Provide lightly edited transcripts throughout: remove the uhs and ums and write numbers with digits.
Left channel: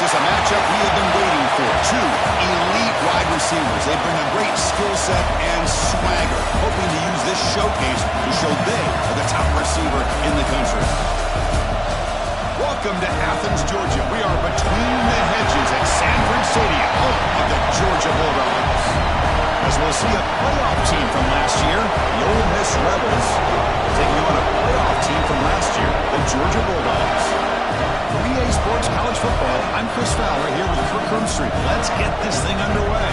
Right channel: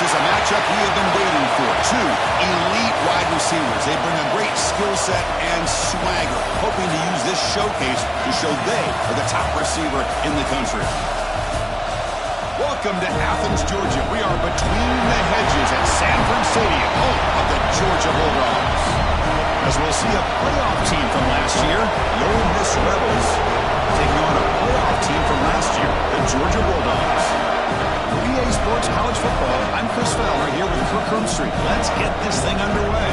This is a matchup we have been waiting for. Two elite wide receivers. They bring a great skill set and swagger, hoping to use this showcase to show they are the top receiver in the country. Welcome to Athens, Georgia. We are between the hedges at Sanford Stadium, home of the Georgia Bulldogs. As we'll see a playoff team from last year, the Ole Miss Rebels, taking on a playoff team from last year, the Georgia Bulldogs. For EA Sports College Football, I'm Chris Fowler here with Kirk Hermstreet. Let's get this thing underway.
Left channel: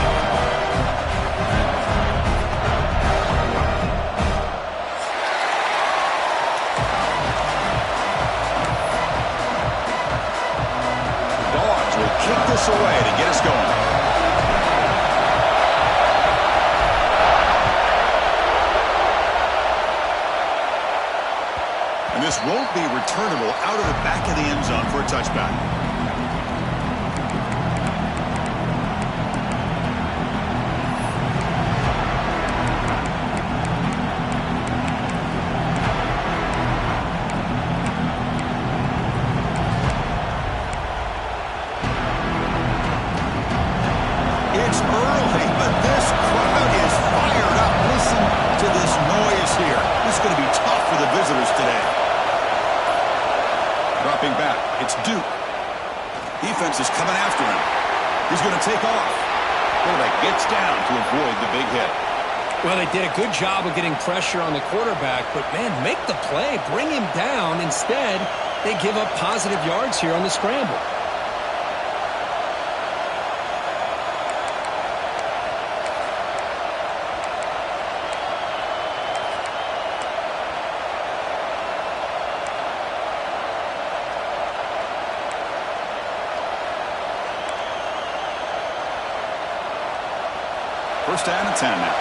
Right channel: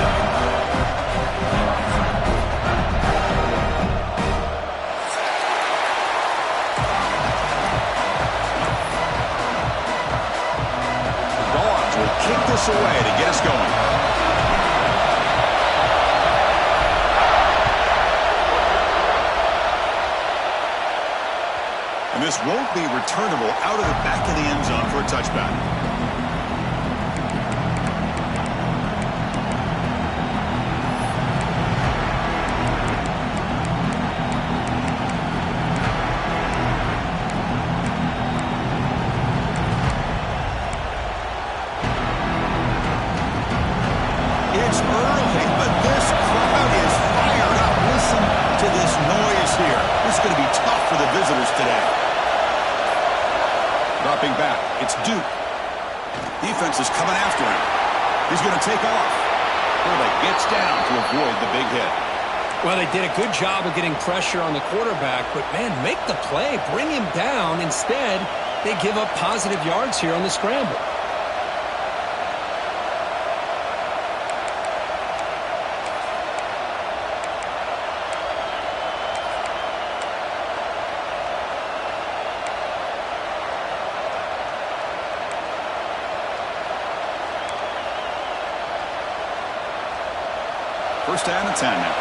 Will kick this away to get us going. And this won't be returnable out of the back of the end zone for a touchback. It's early, but this crowd is fired up. Listen to this noise here. This is going to be tough for the visitors today. Dropping back, it's Duke. Defense is coming after him. He's going to take off. Quarterback gets down to avoid the big hit. Well, they did a good job of getting pressure on the quarterback, but, man, make the play. Bring him down. Instead, they give up positive yards here on the scramble. First down and 10 now.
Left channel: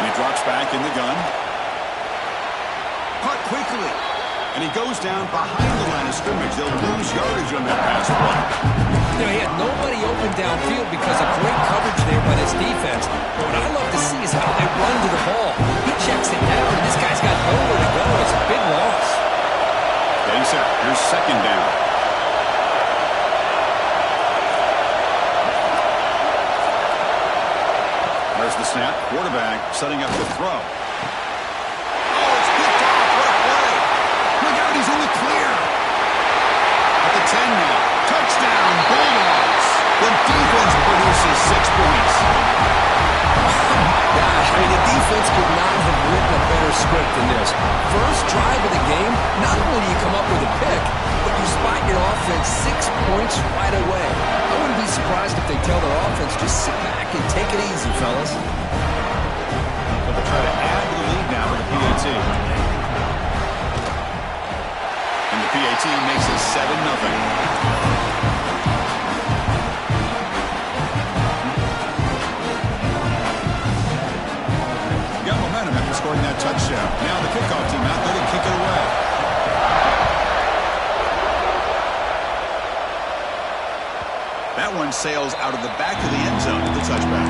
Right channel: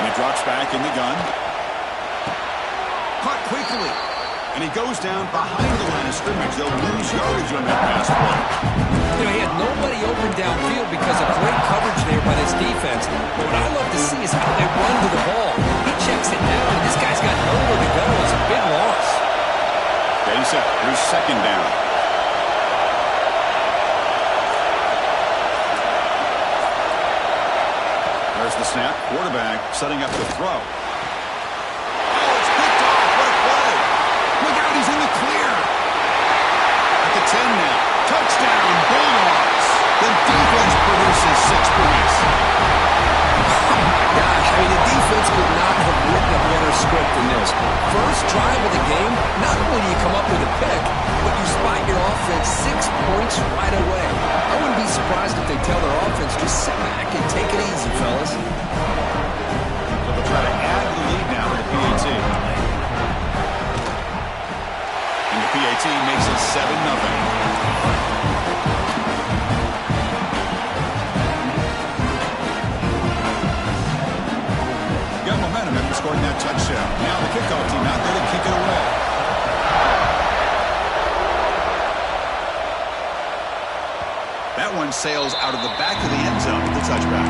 And he drops back in the gun. Caught quickly. And he goes down behind the line of scrimmage. They'll lose yardage on that pass play. You know, he had nobody open downfield because of great coverage there by this defense. But what I love to see is how they run to the ball. He checks it down, and this guy's got nowhere to go. It's a big loss. Getting set. Here's second down. There's the snap. Quarterback setting up the throw. Oh, it's picked off. What a play. Look out, he's in the clear. At the 10 now. Touchdown, Bulldogs. The defense produces 6 points. Gosh, I mean, the defense could not have written a better script than this. First drive of the game, not only do you come up with a pick, but you spot your offense 6 points right away. I wouldn't be surprised if they tell their offense, just sit back and take it easy, fellas. So they'll try to add to the lead now with the PAT. And the PAT makes it 7-0. Got momentum after scoring that touchdown. Now the kickoff team out there to kick it away. That one sails out of the back of the end zone at the touchback.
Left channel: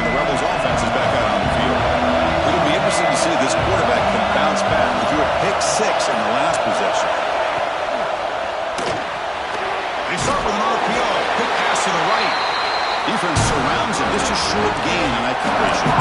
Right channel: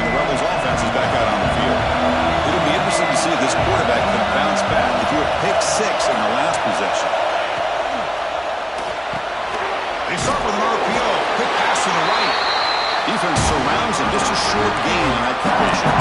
And the Rebels offense is back out on the field. It'll be interesting to see if this quarterback can bounce back. He threw a pick 6 in the last possession. They start with an RPO. Quick pass to the right. Defense surrounds him. Just a short gain on that completion.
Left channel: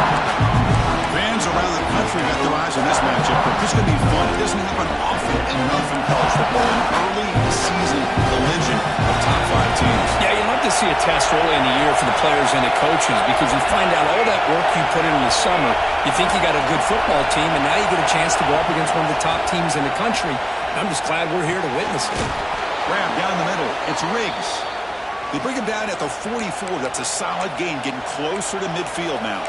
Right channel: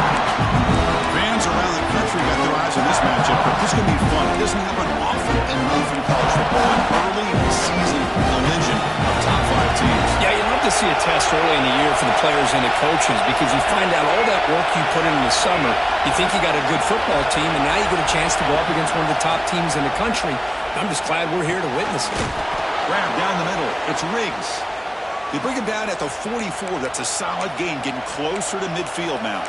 Fans around the country got their eyes on this matchup, but this is going to be fun. It doesn't happen often enough in college football. An early season collision of top 5 teams. Yeah, you love to see a test early in the year for the players and the coaches because you find out all that work you put in the summer. You think you got a good football team, and now you get a chance to go up against one of the top teams in the country. I'm just glad we're here to witness it. Grab down the middle. It's Riggs. They bring him down at the 44. That's a solid gain, getting closer to midfield now.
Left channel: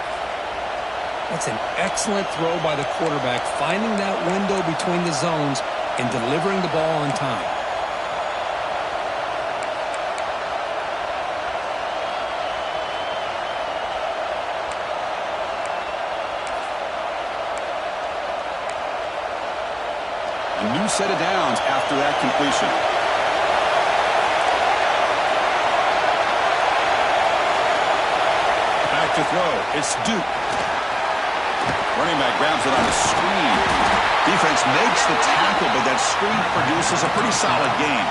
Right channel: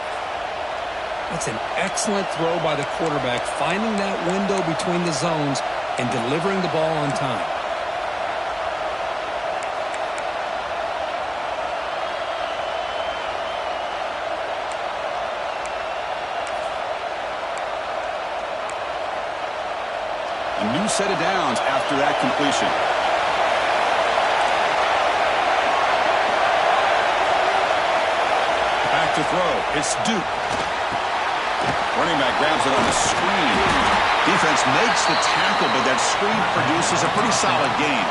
That's an excellent throw by the quarterback, finding that window between the zones and delivering the ball on time. A new set of downs after that completion. Back to throw. It's Duke. Running back grabs it on a screen. Defense makes the tackle, but that screen produces a pretty solid gain.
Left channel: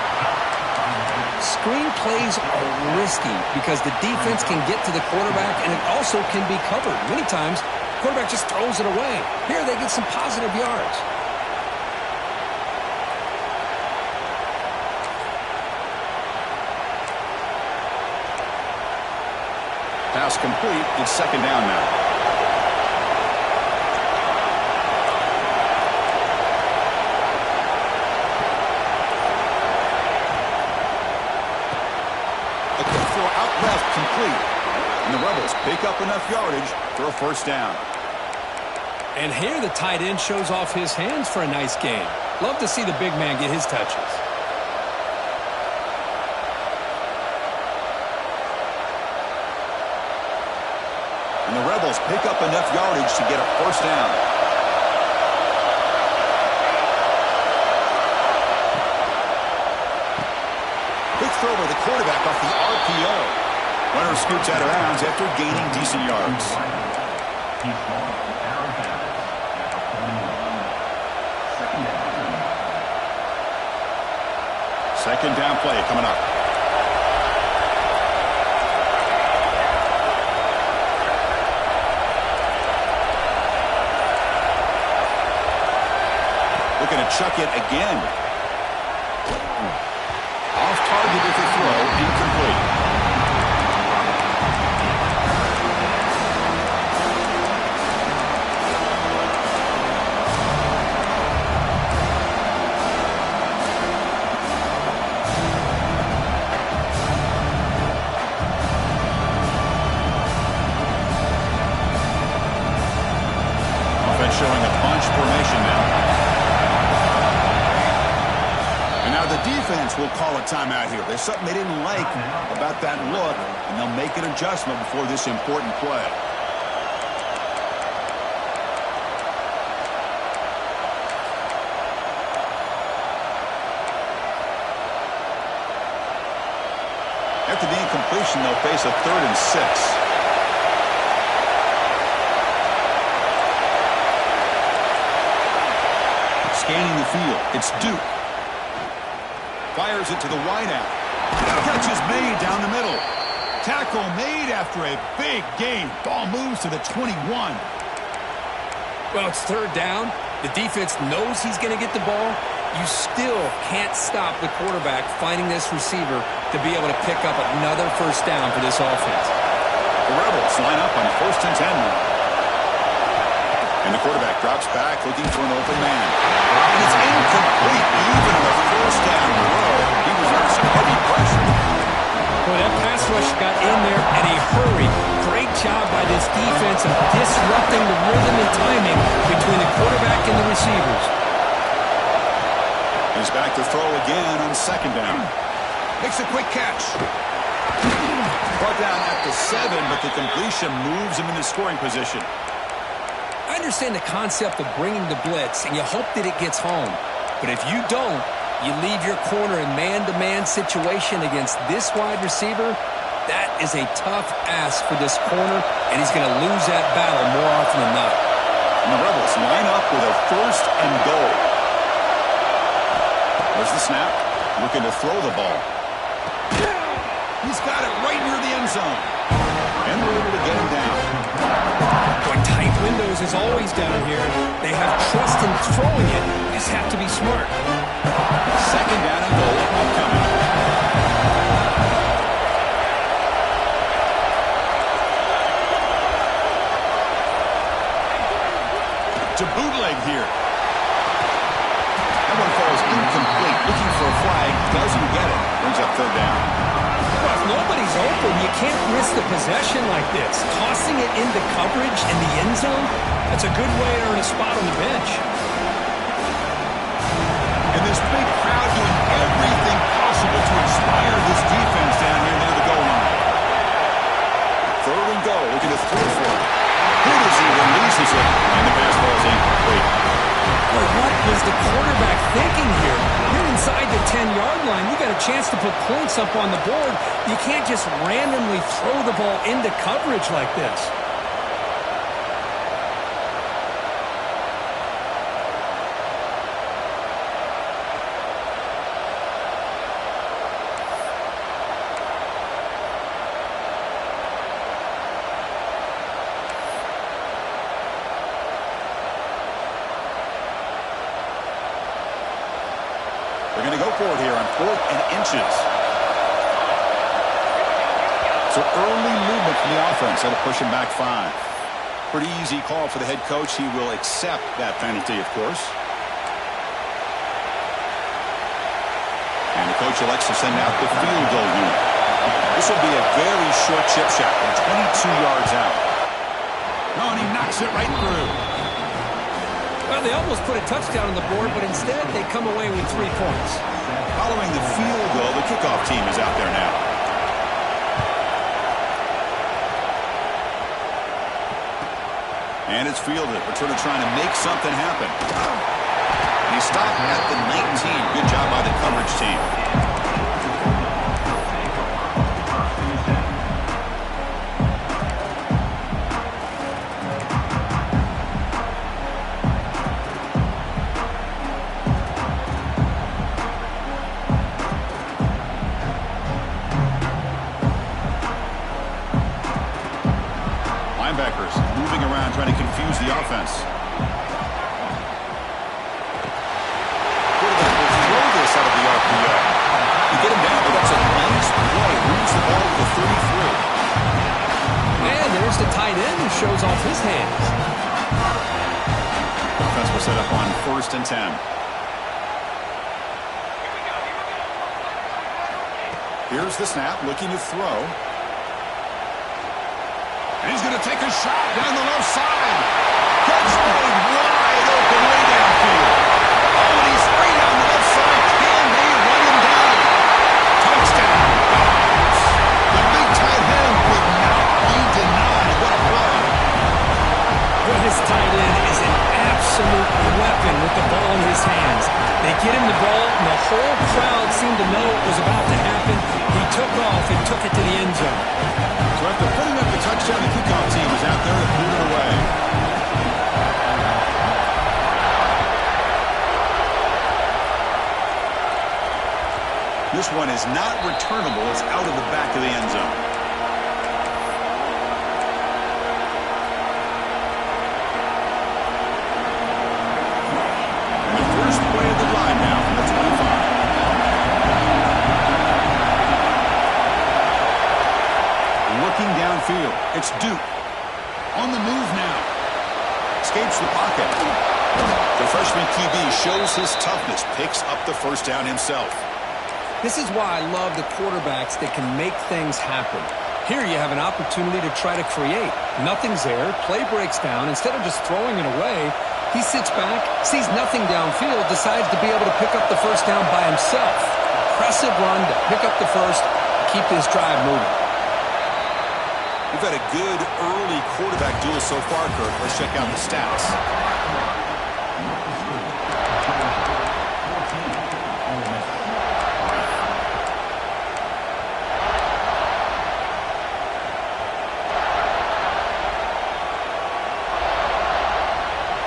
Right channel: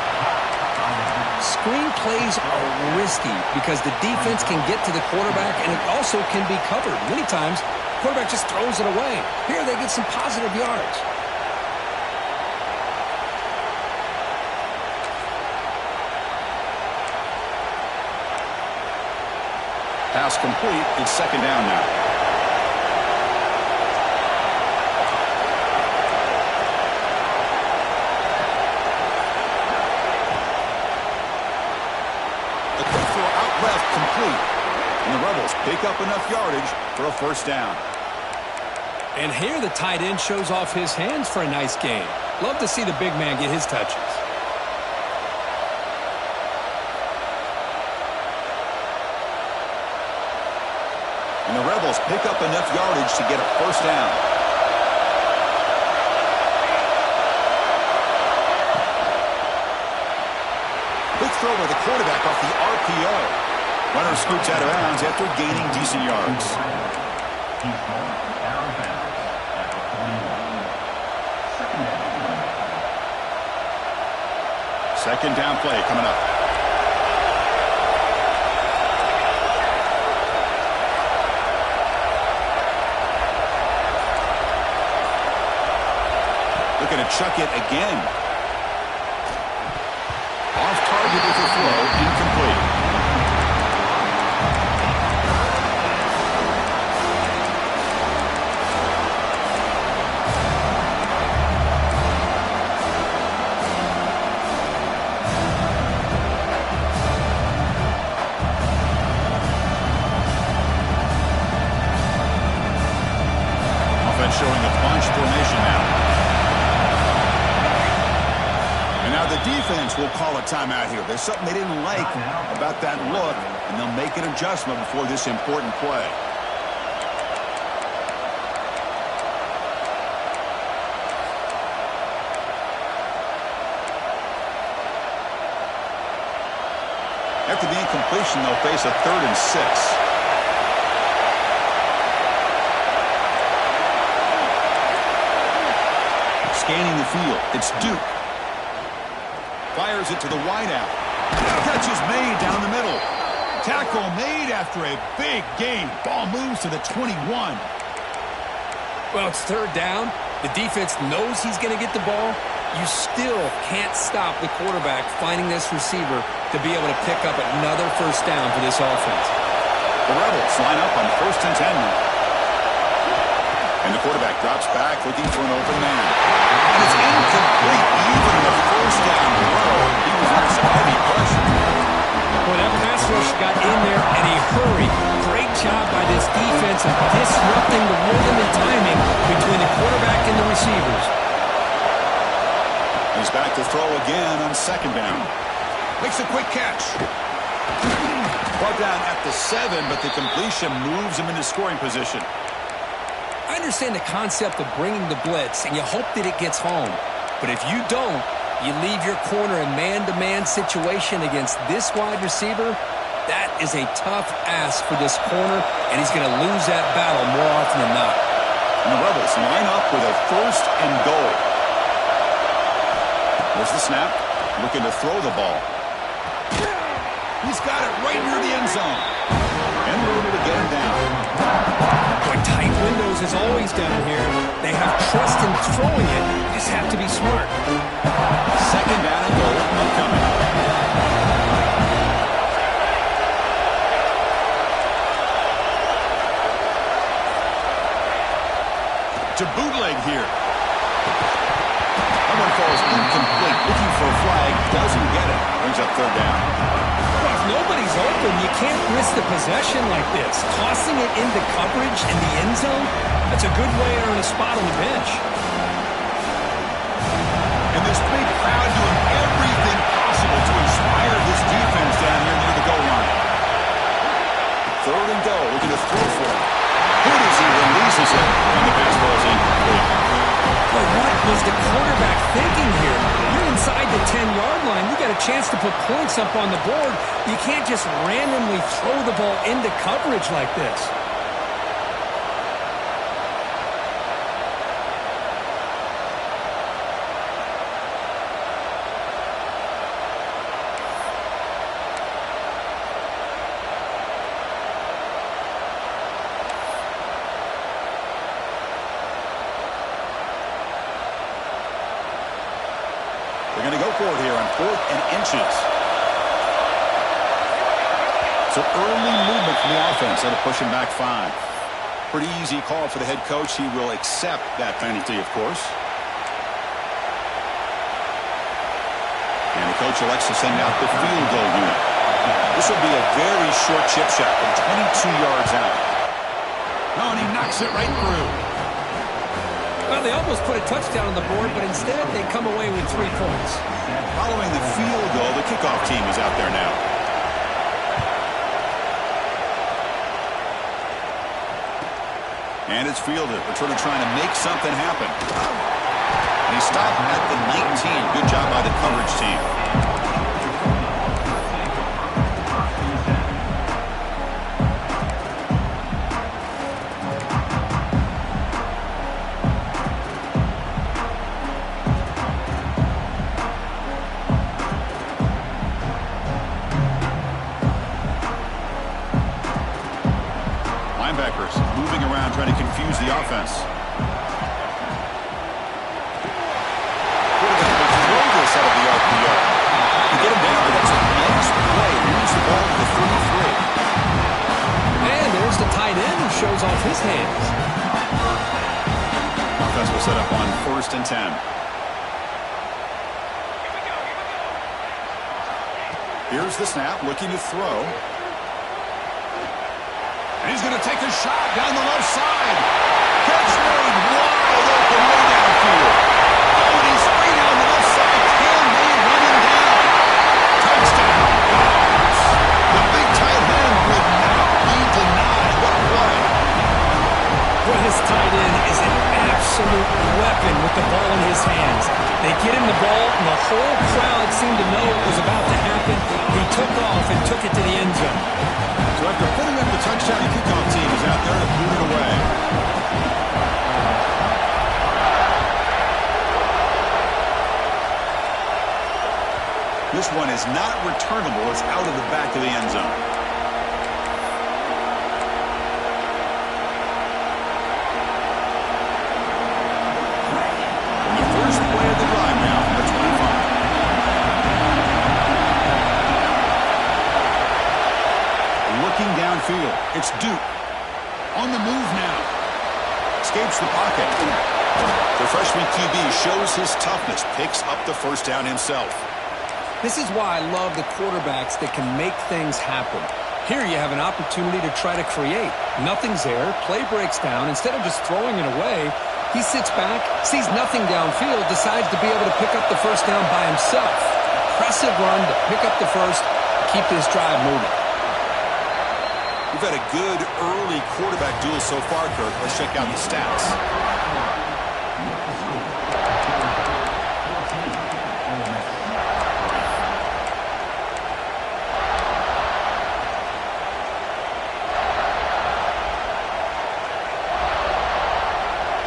Screen plays are risky because the defense can get to the quarterback, and it also can be covered. Many times, the quarterback just throws it away. Here, they get some positive yards. Pass complete. It's second down now. A quick throw out left, complete. And the Rebels pick up enough yardage for a first down. And here the tight end shows off his hands for a nice gain. Love to see the big man get his touches. And the Rebels pick up enough yardage to get a first down. Quick throw by the quarterback off the RPO. Runner scoots out of bounds after gaining decent yards. Second down play coming up. Looking to chuck it again. Off target with the throw, incomplete. Offense showing a bunch formation now. And now the defense will call a timeout here. There's something they didn't like about that look, and they'll make an adjustment before this important play. After the incompletion, they'll face a 3rd and 6. Scanning the field, it's Duke. Fires it to the wideout. Catch is made down the middle. Tackle made after a big gain. Ball moves to the 21. Well, it's 3rd down. The defense knows he's going to get the ball. You still can't stop the quarterback finding this receiver to be able to pick up another first down for this offense. The Rebels line up on 1st and 10 now. And the quarterback drops back looking for an open man. And it's incomplete. Even in the first down row, he was under some heavy pressure. Boy, that pass rush got in there in a hurry. Great job by this defense of disrupting the rhythm and timing between the quarterback and the receivers. He's back to throw again on 2nd down. Makes a quick catch. Brought down at the 7, but the completion moves him into scoring position. I understand the concept of bringing the blitz, and you hope that it gets home. But if you don't, you leave your corner in man-to-man situation against this wide receiver. That is a tough ask for this corner, and he's going to lose that battle more often than not. And the Rebels line up with a 1st and goal. There's the snap. Looking to throw the ball. He's got it right near the end zone. And we're able to get him down. Boy, tight windows is always down here. They have trust in throwing it. You just have to be smart. 2nd down and goal upcoming. To bootleg here. That one falls incomplete. Looking for a flag. Doesn't get it. Brings up 3rd down. Well, if nobody's open, you can't risk the possession like this. Tossing it into coverage in the end zone, that's a good way to earn a spot on the bench. And this big crowd doing everything possible to inspire this defense down here near the goal line. 3rd and goal, looking to throw for it. Hit as he releases it, and the pass ball is incomplete. Boy, what was the quarterback thinking here? You're inside the 10-yard line. You got a chance to put points up on the board. You can't just randomly throw the ball into coverage like this. They're going to go for it here on 4th and inches. So early movement from the offense. That'll push him back 5. Pretty easy call for the head coach. He will accept that penalty, of course. And the coach elects to send out the field goal unit. This will be a very short chip shot from 22 yards out. Oh, and he knocks it right through. Well, they almost put a touchdown on the board, but instead they come away with 3 points. Following the field goal, the kickoff team is out there now. And it's fielded. Returner trying to make something happen. And he stopped at the 19. Good job by the coverage team. Linebackers moving around, trying to confuse the offense. Quarterback will throw this out of the RPO. You get him down, but that's a nice play. Moves the ball to the 33. And there's the tight end who shows off his hands. Offense will set up on 1st and 10. Here's the snap, looking to throw. And he's going to take a shot down the left side. Catch made wide open way downfield. Oh, and he's free down the left side. Can they run him down? Touchdown, Dogs. The big tight end would not be denied. What a play. Well, his tight end is an absolute weapon with the ball in his hands. They get him the ball, and the whole crowd seemed to know it was about to happen. He took off and took it to the end zone. So after putting up the touchdown, the kickoff team is out there to boot it away. This one is not returnable. It's out of the back of the end zone. And the first play of the drive now from the 25. Looking downfield. It's Duke. On the move now. Escapes the pocket. The freshman QB shows his toughness. Picks up the first down himself. This is why I love the quarterbacks that can make things happen. Here you have an opportunity to try to create. Nothing's there. Play breaks down. Instead of just throwing it away, he sits back, sees nothing downfield, decides to be able to pick up the first down by himself. Impressive run to pick up the first, keep this drive moving. We've had a good early quarterback duel so far, Kirk. Let's check out the stats.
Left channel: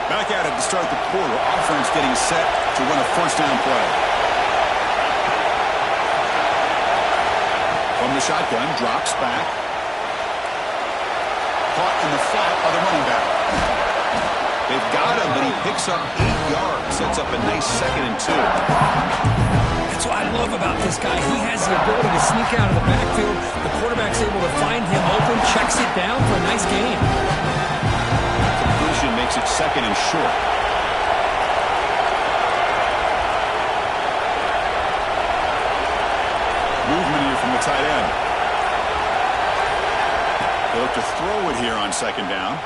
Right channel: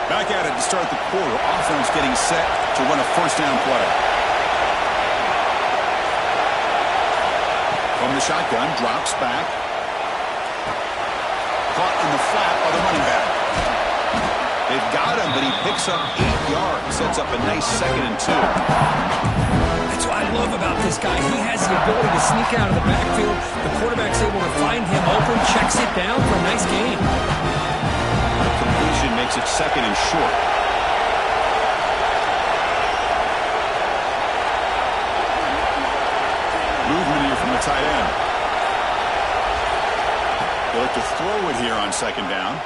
Back at it to start the quarter. Offense getting set to run a first down play. From the shotgun, drops back. Caught in the flat by the running back. They've got him, but he picks up 8 yards. Sets up a nice 2nd and 2. That's what I love about this guy. He has the ability to sneak out of the backfield. The quarterback's able to find him open, checks it down for a nice gain. The completion makes it 2nd and short. Movement here from the tight end. They look to throw it here on 2nd down.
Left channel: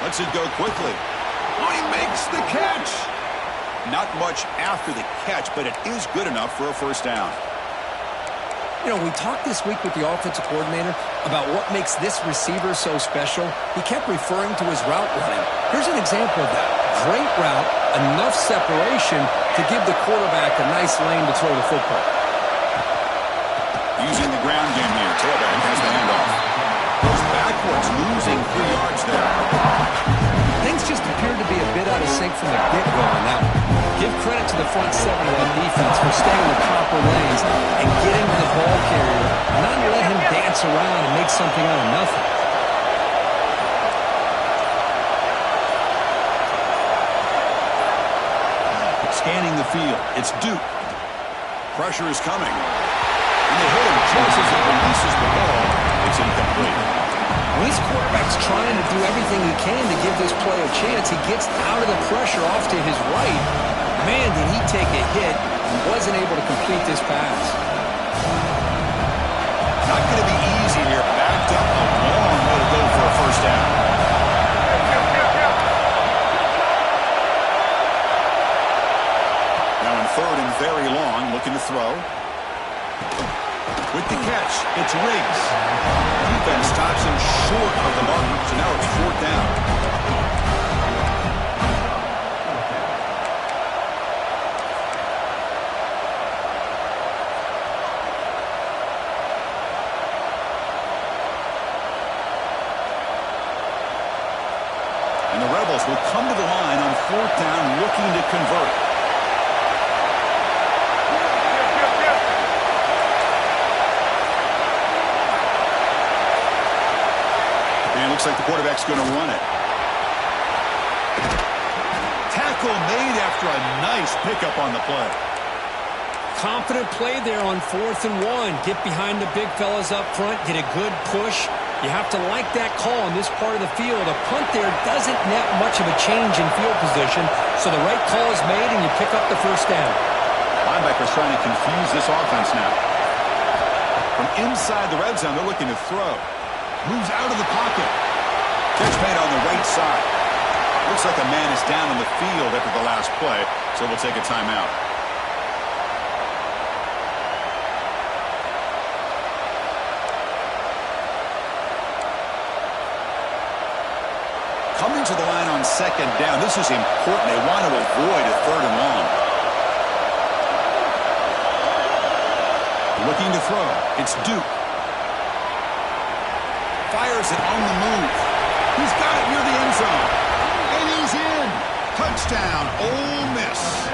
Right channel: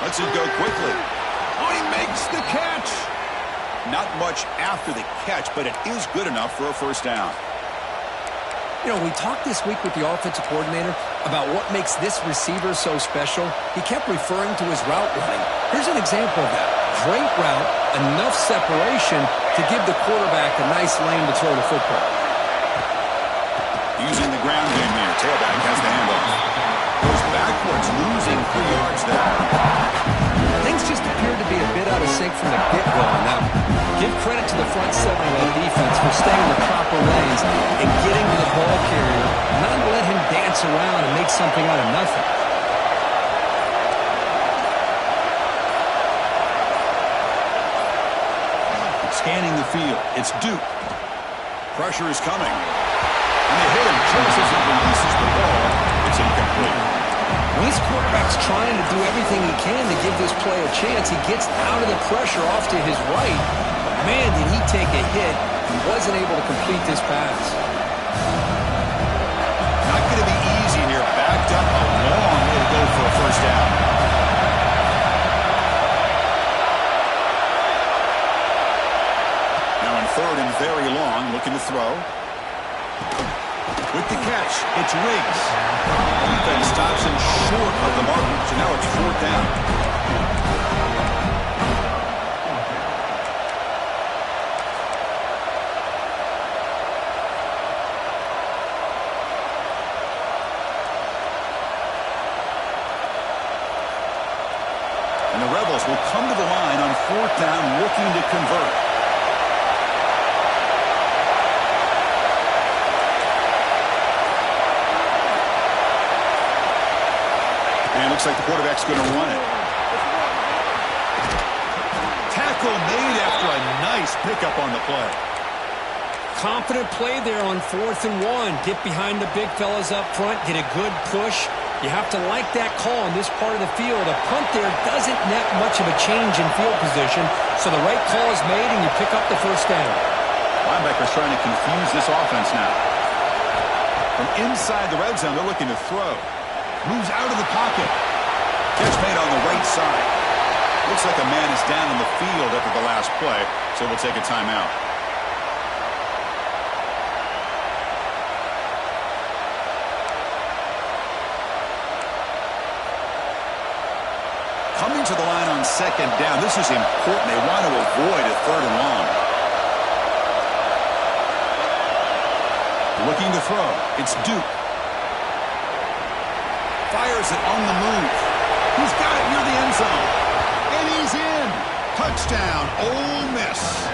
Lets it go quickly. Oh, he makes the catch. Not much after the catch, but it is good enough for a first down. You know, we talked this week with the offensive coordinator about what makes this receiver so special. He kept referring to his route running. Here's an example of that. Great route, enough separation to give the quarterback a nice lane to throw the football. Using the ground game here. Tailback has the handoff. Goes backwards, losing 3 yards there. Things just appeared to be a bit out of sync from the get-go on that one. Give credit to the front 7 of that defense for staying in the proper lanes and getting to the ball carrier, not let him dance around and make something out of nothing. Scanning the field. It's Duke. Pressure is coming. And they hit him just as he releases the ball. It's incomplete. When this quarterback's trying to do everything he can to give this play a chance, he gets out of the pressure off to his right. Man, did he take a hit and wasn't able to complete this pass. Not going to be easy here. Backed up a long way to go for a first down. Now in 3rd and very long, looking to throw. With the catch, it's Riggs. Defense stops him short of the marker, so now it's 4th down. And the Rebels will come to the line on 4th down, looking to convert. And it looks like the quarterback's going to run it. Tackle made after a nice pickup on the play. Confident play there on 4th and 1. Get behind the big fellas up front. Get a good push. You have to like that call in this part of the field. A punt there doesn't net much of a change in field position, so the right call is made and you pick up the first down. Linebackers trying to confuse this offense now. From inside the red zone, they're looking to throw. Moves out of the pocket. Catch made on the right side. Looks like a man is down on the field after the last play, so we'll take a timeout. Coming to the line on 2nd down. This is important. They want to avoid a 3rd and long. Looking to throw. It's Duke. Fires it on the move. He's got it near the end zone. And he's in. Touchdown, Ole Miss.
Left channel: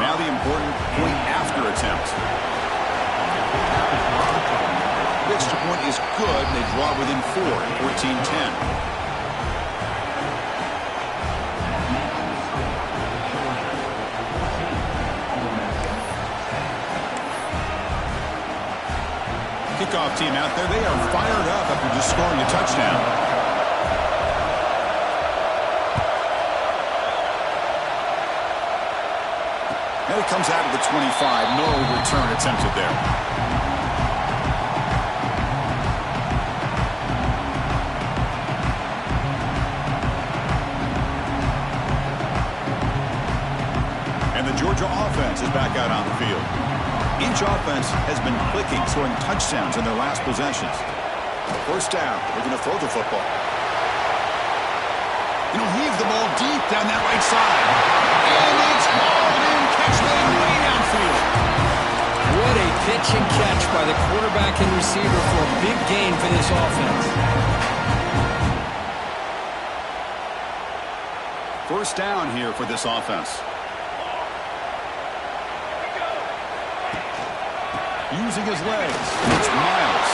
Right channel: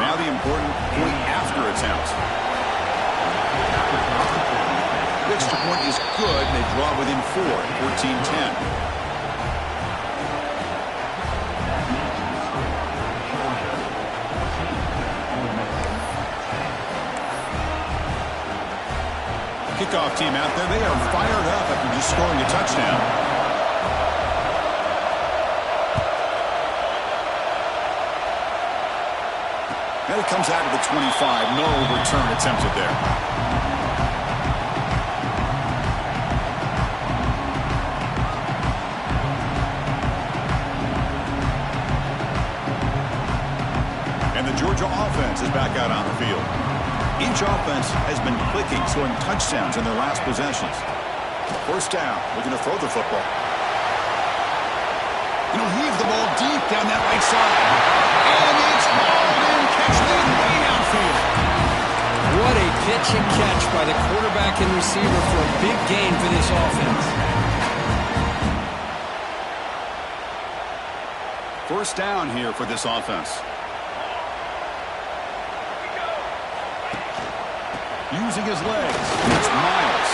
Now the important point after attempt. The extra point is good, and they draw within 4 at 14-10. Kickoff team out there. They are fired up after just scoring a touchdown. And it comes out of the 25. No return attempted there. And the Georgia offense is back out on the field. Each offense has been clicking, scoring touchdowns in their last possessions. First down, looking to throw the football. He'll heave the ball deep down that right side. And it's hauled in, catch made way downfield. What a pitch and catch by the quarterback and receiver for a big gain for this offense. First down here for this offense. Using his legs. It's Miles.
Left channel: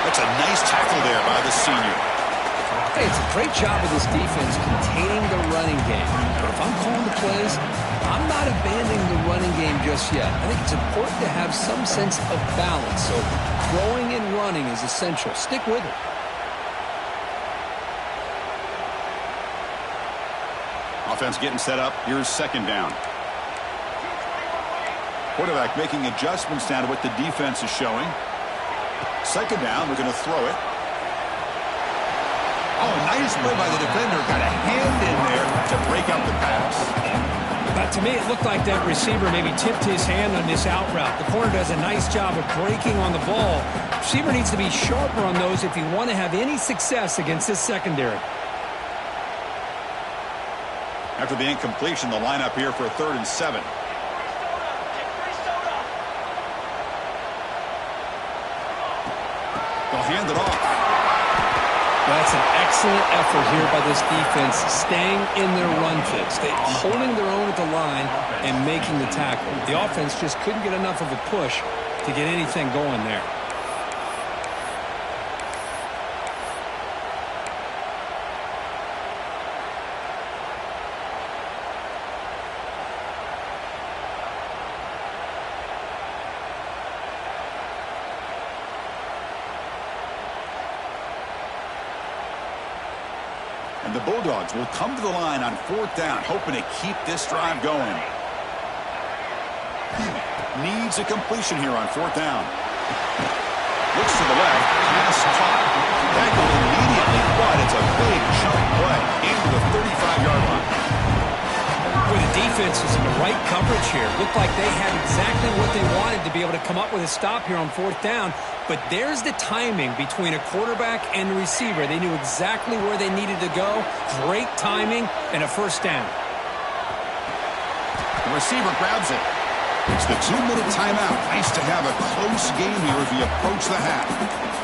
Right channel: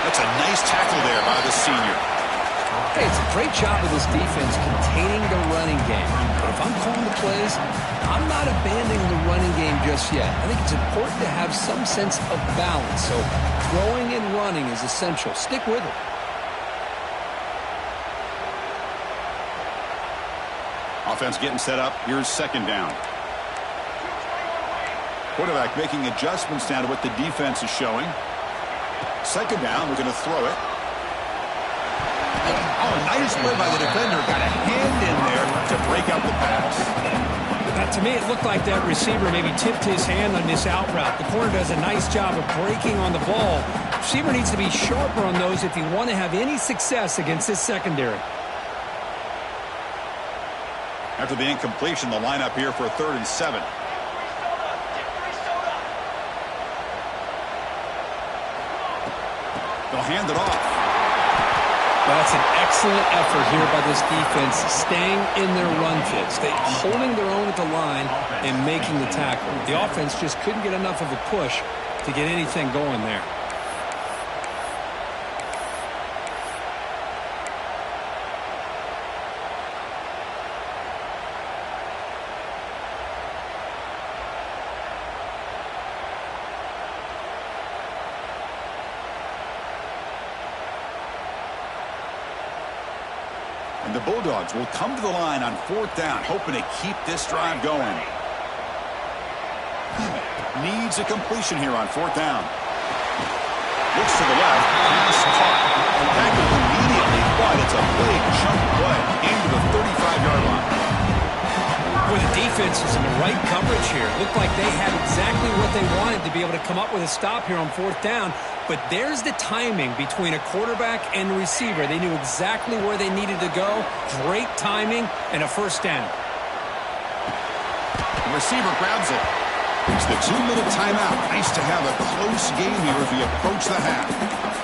That's a nice tackle there by the senior. Hey, it's a great job of this defense containing the running game. But if I'm calling the plays, I'm not abandoning the running game just yet. I think it's important to have some sense of balance. So throwing and running is essential. Stick with it. Offense getting set up. Here's 2nd down. Quarterback making adjustments down to what the defense is showing. 2nd down, we're going to throw it. Oh, nice play by the defender. Got a hand in there to break up the pass. To me, it looked like that receiver maybe tipped his hand on this out route. The corner does a nice job of breaking on the ball. Receiver needs to be sharper on those if you want to have any success against this secondary. After the incompletion, the lineup here for a 3rd and 7. They'll hand it off. That's an excellent effort here by this defense, staying in their run fits. They're holding their own at the line and making the tackle. The offense just couldn't get enough of a push to get anything going there. And the Bulldogs will come to the line on 4th down, hoping to keep this drive going. Needs a completion here on 4th down. Looks to the left, pass caught. Tackled immediately, but it's a big chunk play into the 35-yard line. Boy, the defense is in the right coverage here. Looked like they had exactly what they wanted to be able to come up with a stop here on 4th down. But there's the timing between a quarterback and a receiver. They knew exactly where they needed to go. Great timing and a 1st down. The receiver grabs it. It's the 2-minute timeout. Nice to have a close game here as we approach the half.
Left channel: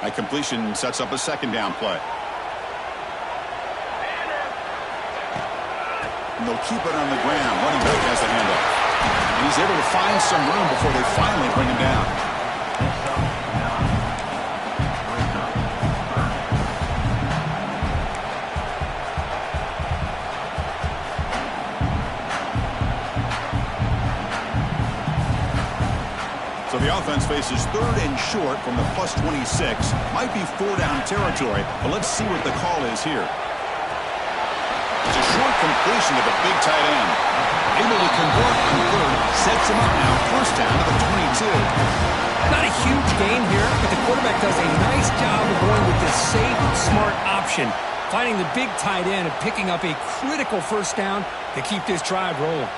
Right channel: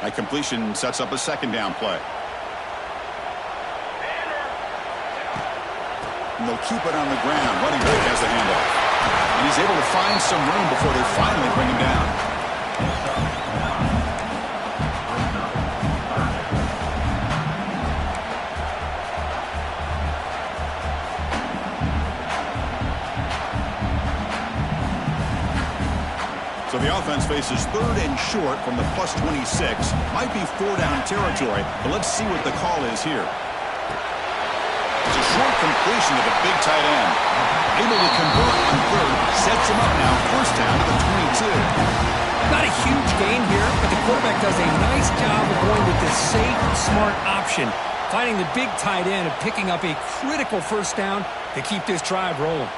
That completion sets up a 2nd down play. And they'll keep it on the ground. Running back has the handoff. And he's able to find some room before they finally bring him down. So the offense faces 3rd and short from the +26. Might be 4-down territory, but let's see what the call is here. It's a short completion to the big tight end. Able to convert on 3rd, sets him up now, 1st down to the 22. Not a huge gain here, but the quarterback does a nice job of going with this safe, smart option, finding the big tight end and picking up a critical 1st down to keep this drive rolling.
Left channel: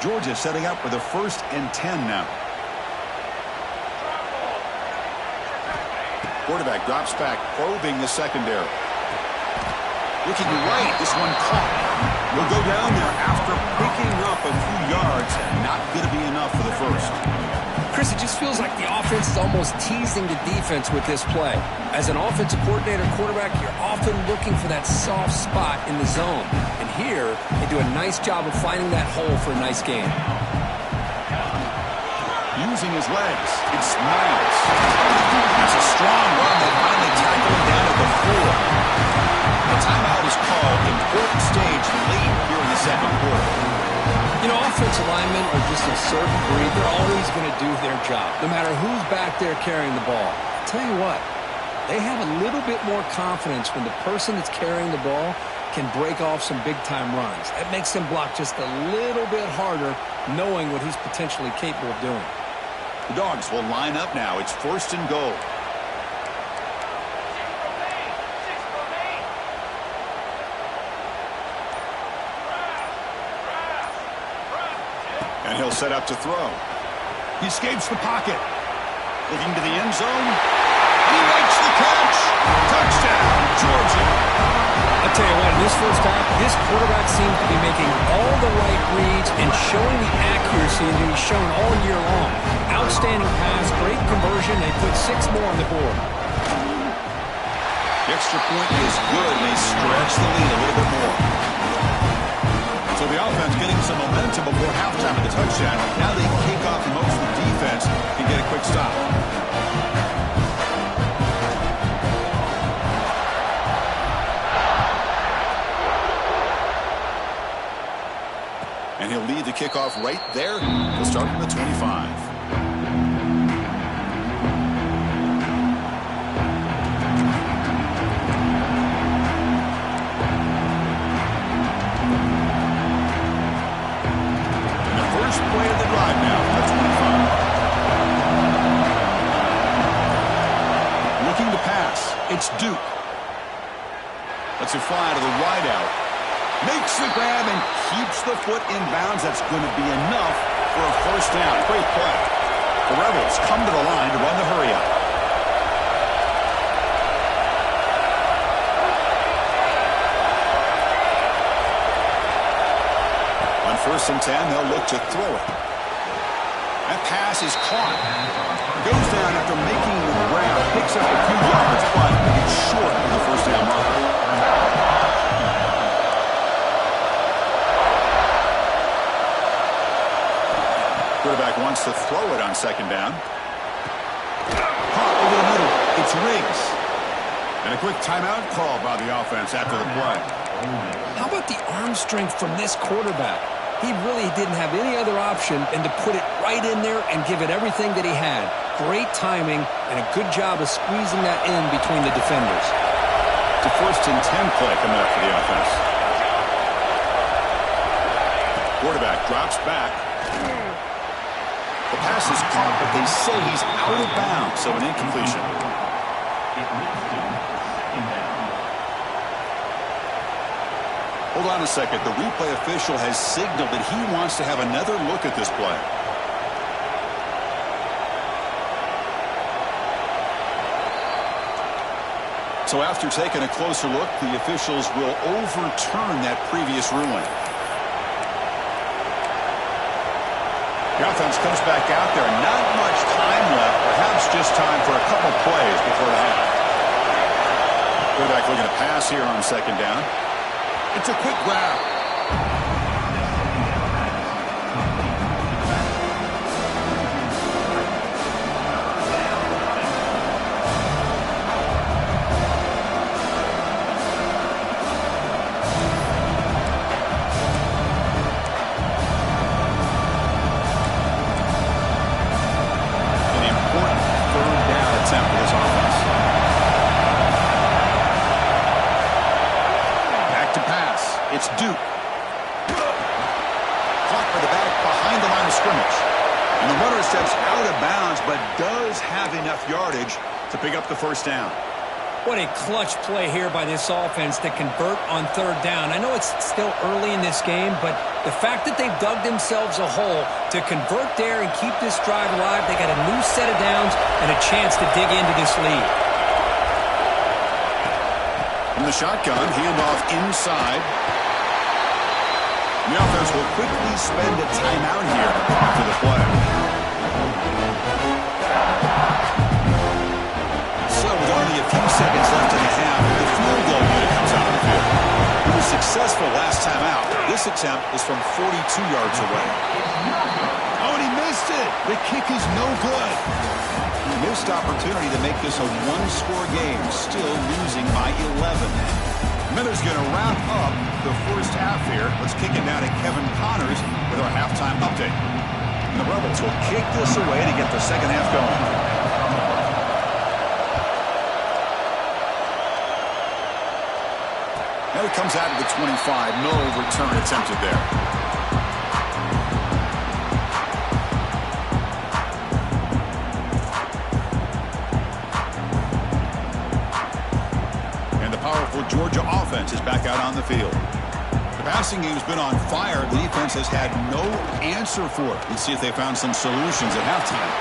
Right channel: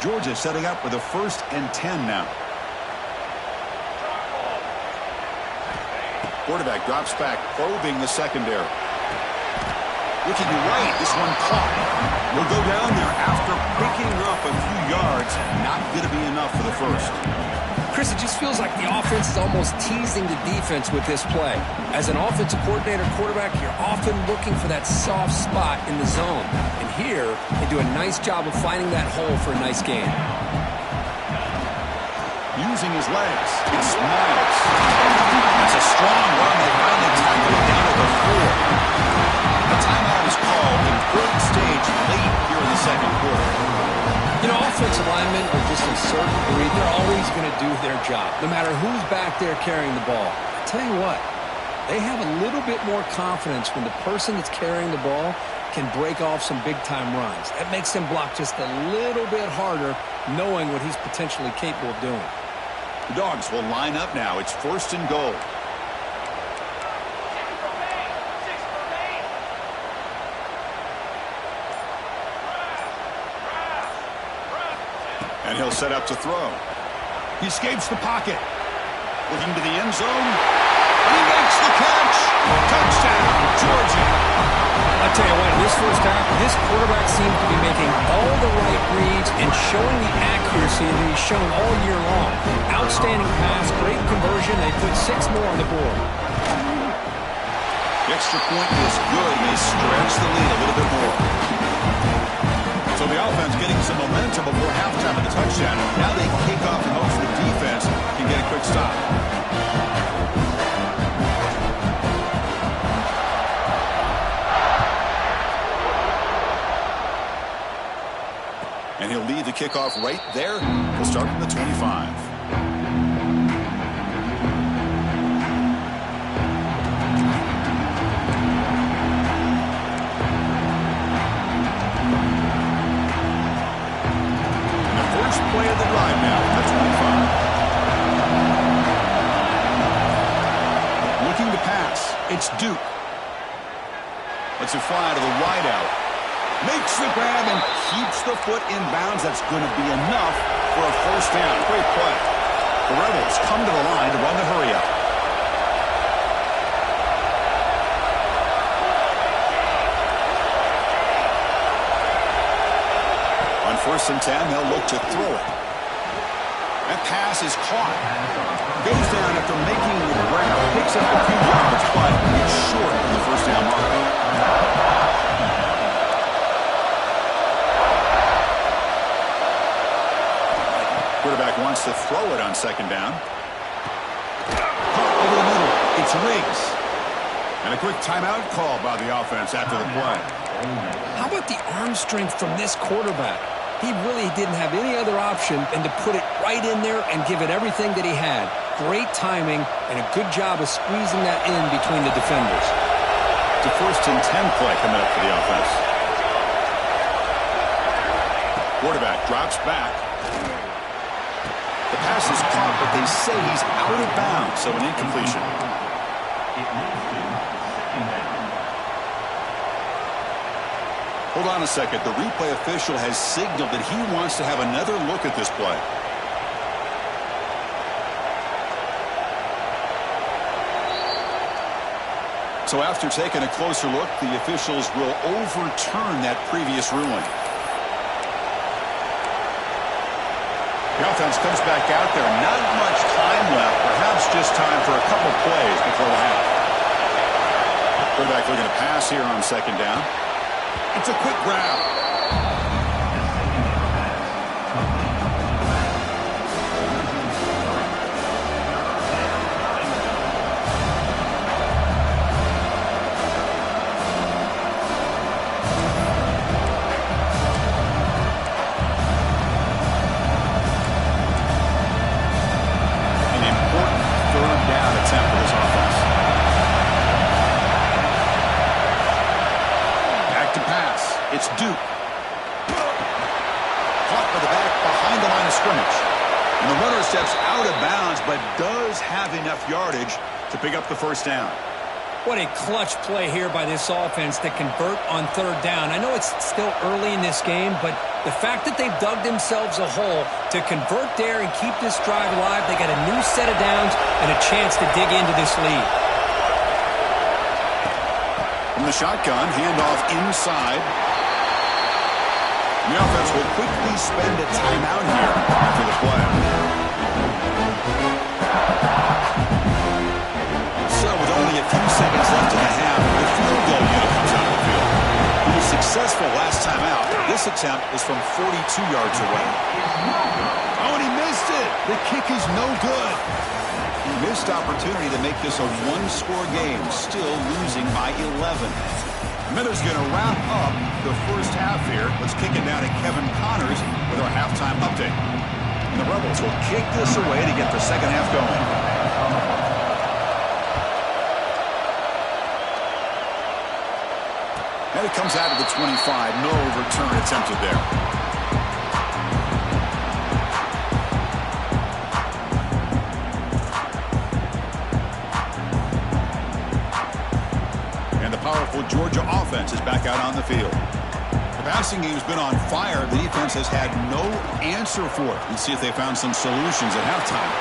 Georgia setting up with a 1st and 10 now. Quarterback drops back, probing the secondary. Looking right, this one caught. Will go down there after picking up a few yards. Not going to be enough for the 1st. Chris, it just feels like the offense is almost teasing the defense with this play. As an offensive coordinator quarterback, you're often looking for that soft spot in the zone. And here, they do a nice job of finding that hole for a nice gain. Using his legs, it's Miles. That's a strong run. They finally tackle him down at the 4. A timeout is called. Important stage late here in the 2nd quarter. You know, offensive linemen are just a certain breed. They're always going to do their job, no matter who's back there carrying the ball. I'll tell you what, they have a little bit more confidence when the person that's carrying the ball can break off some big-time runs. That makes them block just a little bit harder, knowing what he's potentially capable of doing. The Dogs will line up now. It's 1st and goal. And he'll set up to throw. He escapes the pocket. Looking to the end zone. And he makes the catch. Touchdown, Georgia. I'll tell you what, in this 1st half, this quarterback seems to be making all the right reads and showing the accuracy that he's shown all year long. Outstanding pass, great conversion. They put 6 more on the board. The extra point is good. They stretch the lead a little bit more. So the offense getting some momentum before halftime of the touchdown. Now they kick off in hopes the defense can get a quick stop. And he'll lead the kickoff right there. He'll start from the 25. play of the drive now from the 25. Looking to pass. It's Duke. Lets it fly to the wideout. Makes the grab and keeps the foot in bounds. That's going to be enough for a first down. Great play. The Rebels come to the line to run the hurry-up. On 1st and 10, they'll look to throw it. That pass is caught. Goes down after making the grab. Picks up a few yards, but it's short of the first down marker. Quarterback wants to throw it on 2nd down. Caught over the middle. It's Riggs. And a quick timeout call by the offense after the play. How about the arm strength from this quarterback? He really didn't have any other option than to put it right in there and give it everything that he had. Great timing and a good job of squeezing that in between the defenders. It's a 1st and 10 play coming up for the offense. Quarterback drops back. The pass is caught, but they say he's out of bounds, so an incompletion. Hold on a second. The replay official has signaled that he wants to have another look at this play. So after taking a closer look, the officials will overturn that previous ruling. The offense comes back out there. Not much time left. Perhaps just time for a couple plays before the half. Quarterback looking to pass here on 2nd down. It's a quick grab. An important 3rd down attempt for this offense. To pass. It's Duke. Caught by the back behind the line of scrimmage. And the runner steps out of bounds, but does have enough yardage to pick up the first down. What a clutch play here by this offense to convert on 3rd down. I know it's still early in this game, but the fact that they've dug themselves a hole to convert there and keep this drive alive, they got a new set of downs and a chance to dig into this lead. From the shotgun, handoff inside. And the offense will quickly spend a timeout here after the play. So with only a few seconds left in the half, the field goal unit comes out of the field. He was successful last time out. This attempt is from 42 yards away. Oh, and he missed it. The kick is no good. Missed opportunity to make this a one-score game, still losing by 11. Miller's going to wrap up the first half here. Let's kick it down to Kevin Connors with our halftime update. And the Rebels will kick this away to get the second half going. And it comes out of the 25. No return attempted there. Powerful Georgia offense is back out on the field. The passing game's been on fire. The defense has had no answer for it. Let's see if they found some solutions at halftime.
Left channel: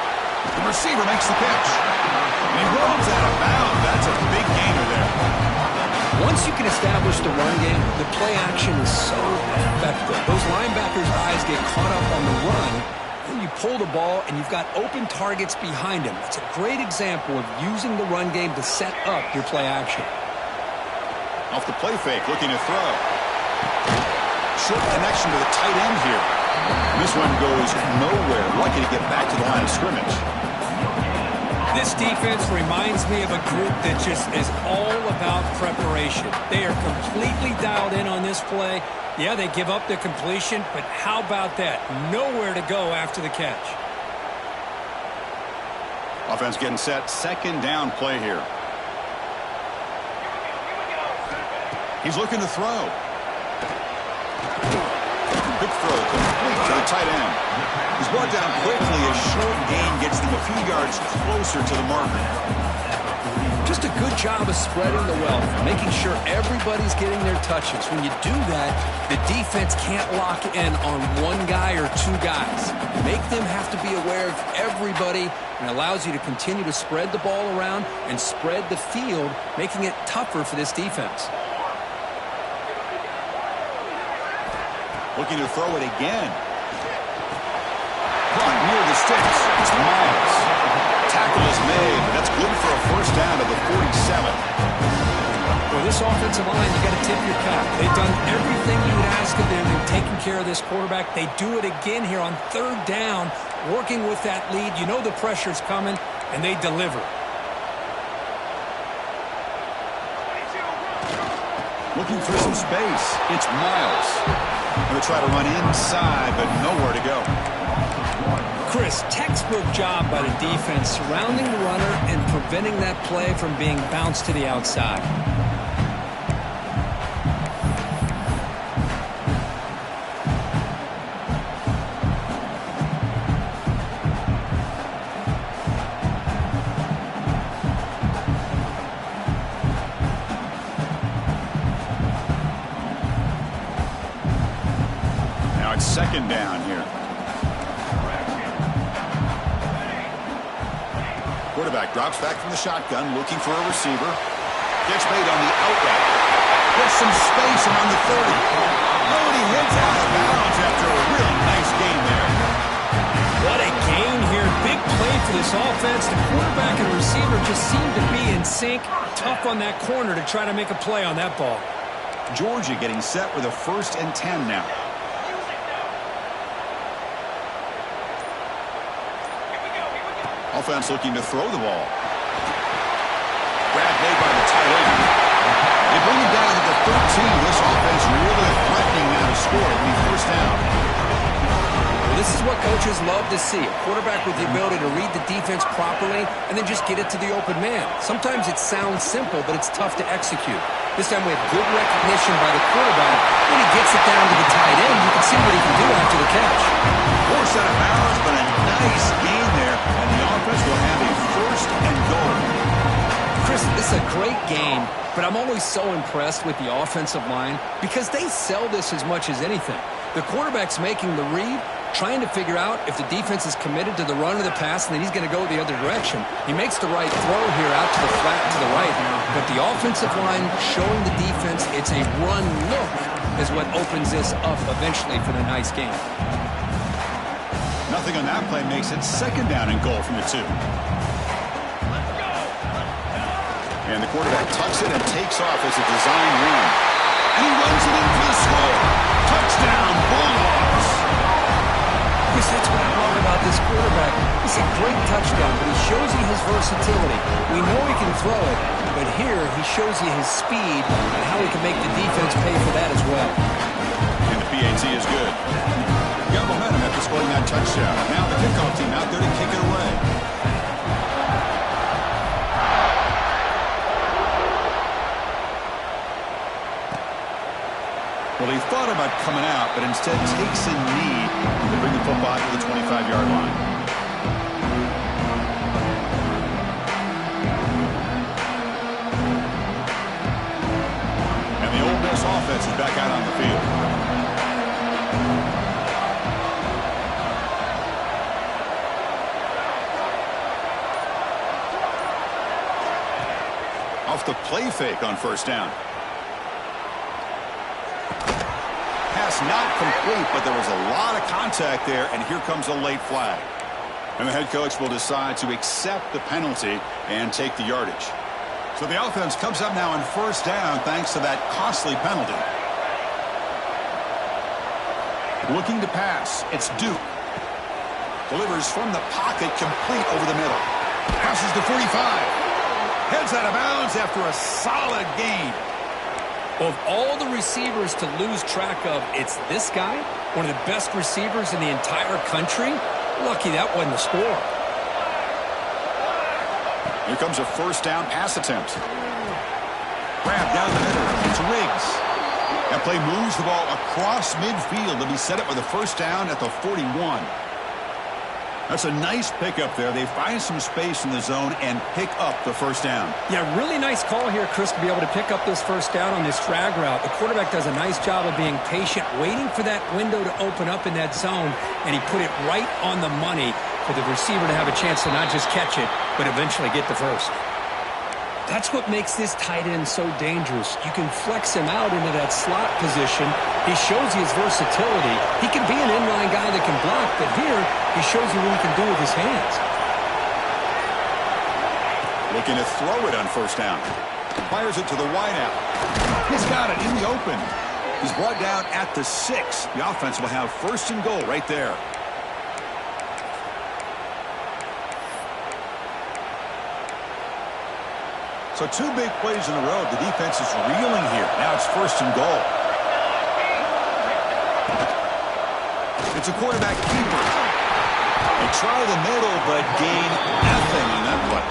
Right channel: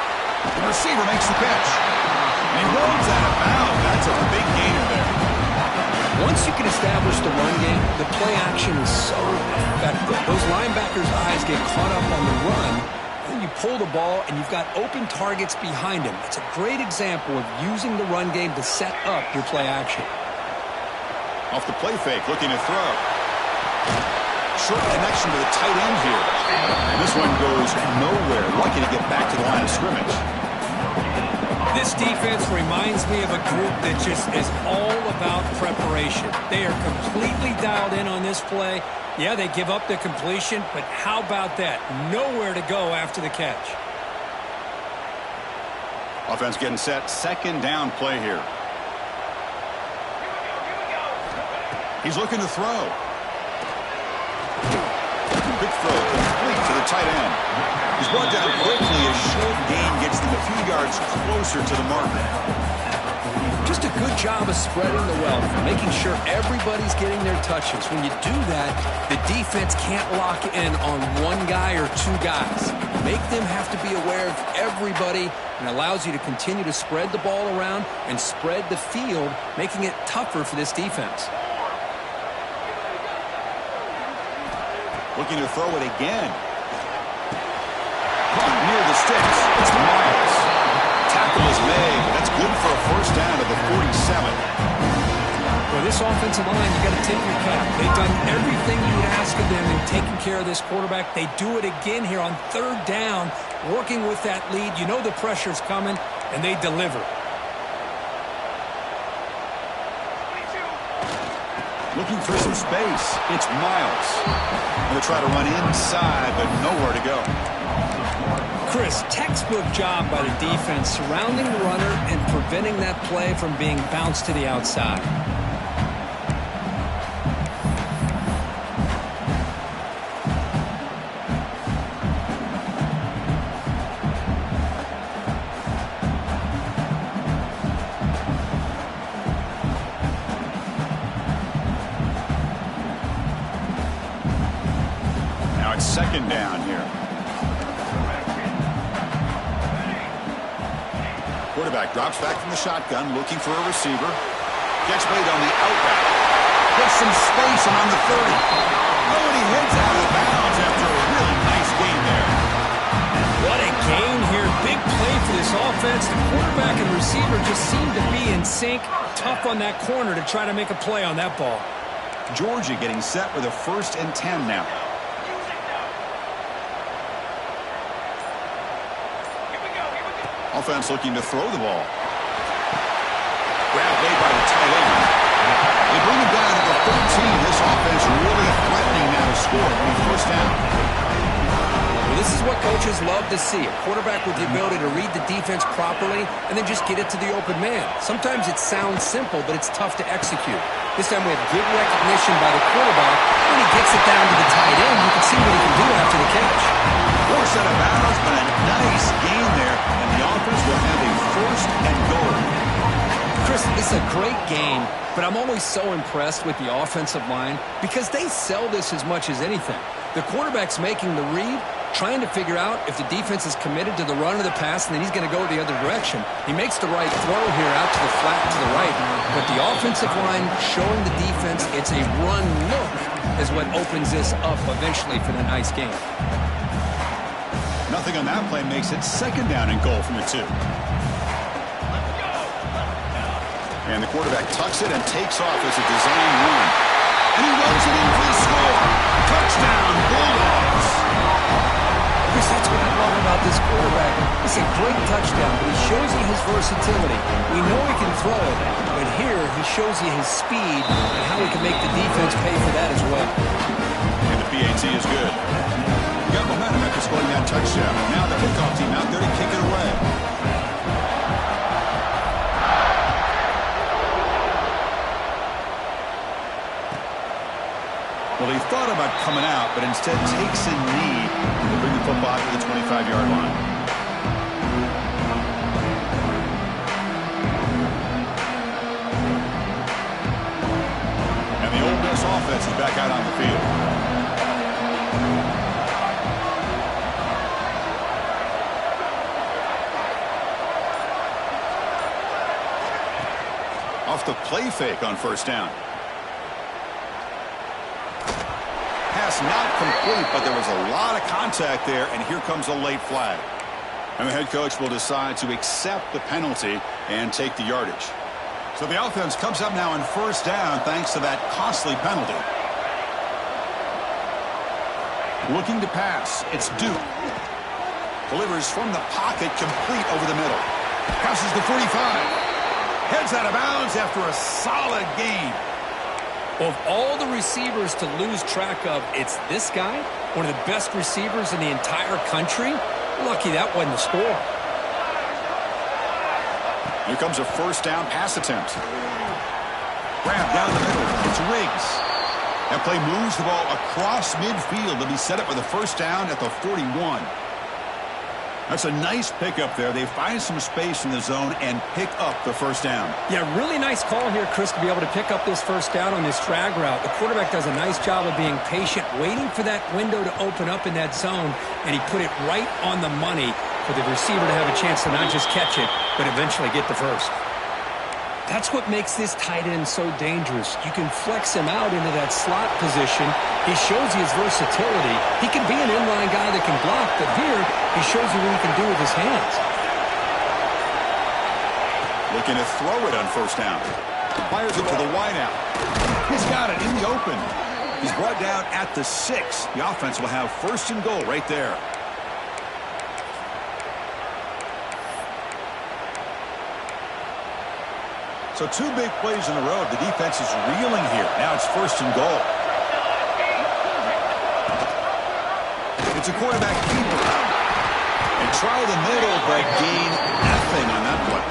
The receiver makes the pitch. And he rolls out of bounds. That's a big gainer there. Once you can establish the run game, the play action is so effective. Those linebackers' eyes get caught up on the run. Then you pull the ball, and you've got open targets behind him. That's a great example of using the run game to set up your play action. Off the play fake, looking to throw. Short connection to the tight end here. And this one goes nowhere. Lucky to get back to the line of scrimmage. This defense reminds me of a group that just is all about preparation. They are completely dialed in on this play. Yeah, they give up the completion, but how about that? Nowhere to go after the catch. Offense getting set. 2nd down play here. He's looking to throw. Quick throw complete to the tight end. He's brought down quickly. A short gain gets them a few yards closer to the marker. Just a good job of spreading the wealth, making sure everybody's getting their touches. When you do that, the defense can't lock in on one guy or two guys. Make them have to be aware of everybody, and allows you to continue to spread the ball around and spread the field, making it tougher for this defense. Looking to throw it again. Caught near the sticks. It's Miles. Tackle is made, but that's good for a first down to the 47. For this offensive line, you got to tip your cap. They've done everything you would ask of them in taking care of this quarterback. They do it again here on third down, working with that lead. You know the pressure's coming, and they deliver. Looking for some space. It's Miles. Going to try to run inside, but nowhere to go. Chris, textbook job by the defense surrounding the runner and preventing that play from being bounced to the outside. Now it's second down here. Quarterback drops back from the shotgun, looking for a receiver. Gets made on the out route. Gets some space around the 30. Oh, and he heads out of bounds after a really nice gain there. What a gain here. Big play for this offense. The quarterback and receiver just seem to be in sync. Tough on that corner to try to make a play on that ball. Georgia getting set with a 1st and 10 now. Offense looking to throw the ball. Grab made by the tight end. They bring him down to the 13. This offense really threatening now to score at the first down. Well, this is what coaches love to see. A quarterback with the ability to read the defense properly and then just get it to the open man. Sometimes it sounds simple, but it's tough to execute. This time we have good recognition by the quarterback. When he gets it down to the tight end, you can see what he can do after the catch. Forced out of bounds, but a nice gain there, and the offense will have a 1st and goal. Chris, this is a great game, but I'm always so impressed with the offensive line because they sell this as much as anything. The quarterback's making the read, trying to figure out if the defense is committed to the run or the pass, and then he's going to go the other direction. He makes the right throw here out to the flat to the right, but the offensive line showing the defense it's a run look is what opens this up eventually for the nice game. Nothing on that play makes it second down and goal from the 2. And the quarterback tucks it and takes off as a design run. And he runs it in for the score. Touchdown, Bulldogs. Chris, that's what I love about this quarterback. It's a great touchdown, but he shows you his versatility. We know he can throw it, but here he shows you his speed and how he can make the defense pay for that as well. And the PAT is good. Got momentum after scoring that touchdown. Now the kickoff team out there to kick it away. Well, he thought about coming out, but instead takes a knee to bring the football to the 25-yard line. And the Ole Miss offense is back out on the field. Off the play fake on first down. Pass not complete, but there was a lot of contact there, and here comes a late flag. And the head coach will decide to accept the penalty and take the yardage. So the offense comes up now on first down thanks to that costly penalty. Looking to pass. It's Duke. Delivers from the pocket, complete over the middle. Passes the 45. Heads out of bounds after a solid gain. Of all the receivers to lose track of, it's this guy, one of the best receivers in the entire country. Lucky that wasn't the score. Here comes a first down pass attempt. Grab down the middle. It's Riggs. That play moves the ball across midfield to be set up with a first down at the 41. That's a nice pickup there. They find some space in the zone and pick up the first down. Yeah, really nice call here, Chris, to be able to pick up this first down on this drag route. The quarterback does a nice job of being patient, waiting for that window to open up in that zone, and he put it right on the money for the receiver to have a chance to not just catch it, but eventually get the first. That's what makes this tight end so dangerous. You can flex him out into that slot position. He shows you his versatility. He can be an inline guy that can block, but here he shows you what he can do with his hands. Looking to throw it on first down. Fires it to the wideout. He's got it in the open. He's brought down at the 6. The offense will have first and goal right there. So 2 big plays in a row. The defense is reeling here. Now it's first and goal. It's a quarterback keeper. They try the middle, but gain nothing on that play.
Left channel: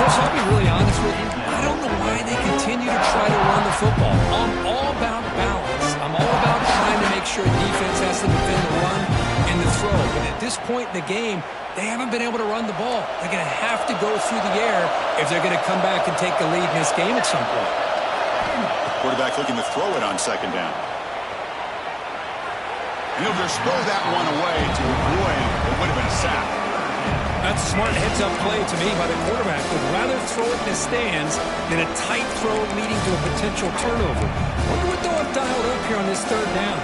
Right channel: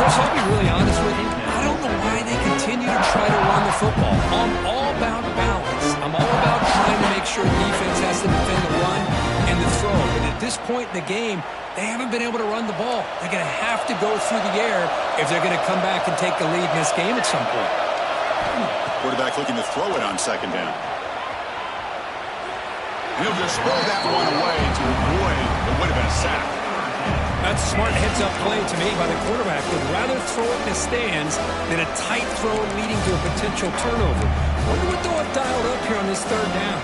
Chris, I'll be really honest with you. I don't know why they continue to try to run the football. I'm all about balance. I'm all about trying to make sure defense has to defend the run and the throw. But at this point in the game, they haven't been able to run the ball. They're going to have to go through the air if they're going to come back and take a lead in this game at some point. Quarterback looking to throw it on second down. And he'll just throw that one away to avoid what would have been a sack. That's a smart heads-up play to me by the quarterback. Would rather throw it in the stands than a tight throw leading to a potential turnover. Wonder what they'll have dialed up here on this third down.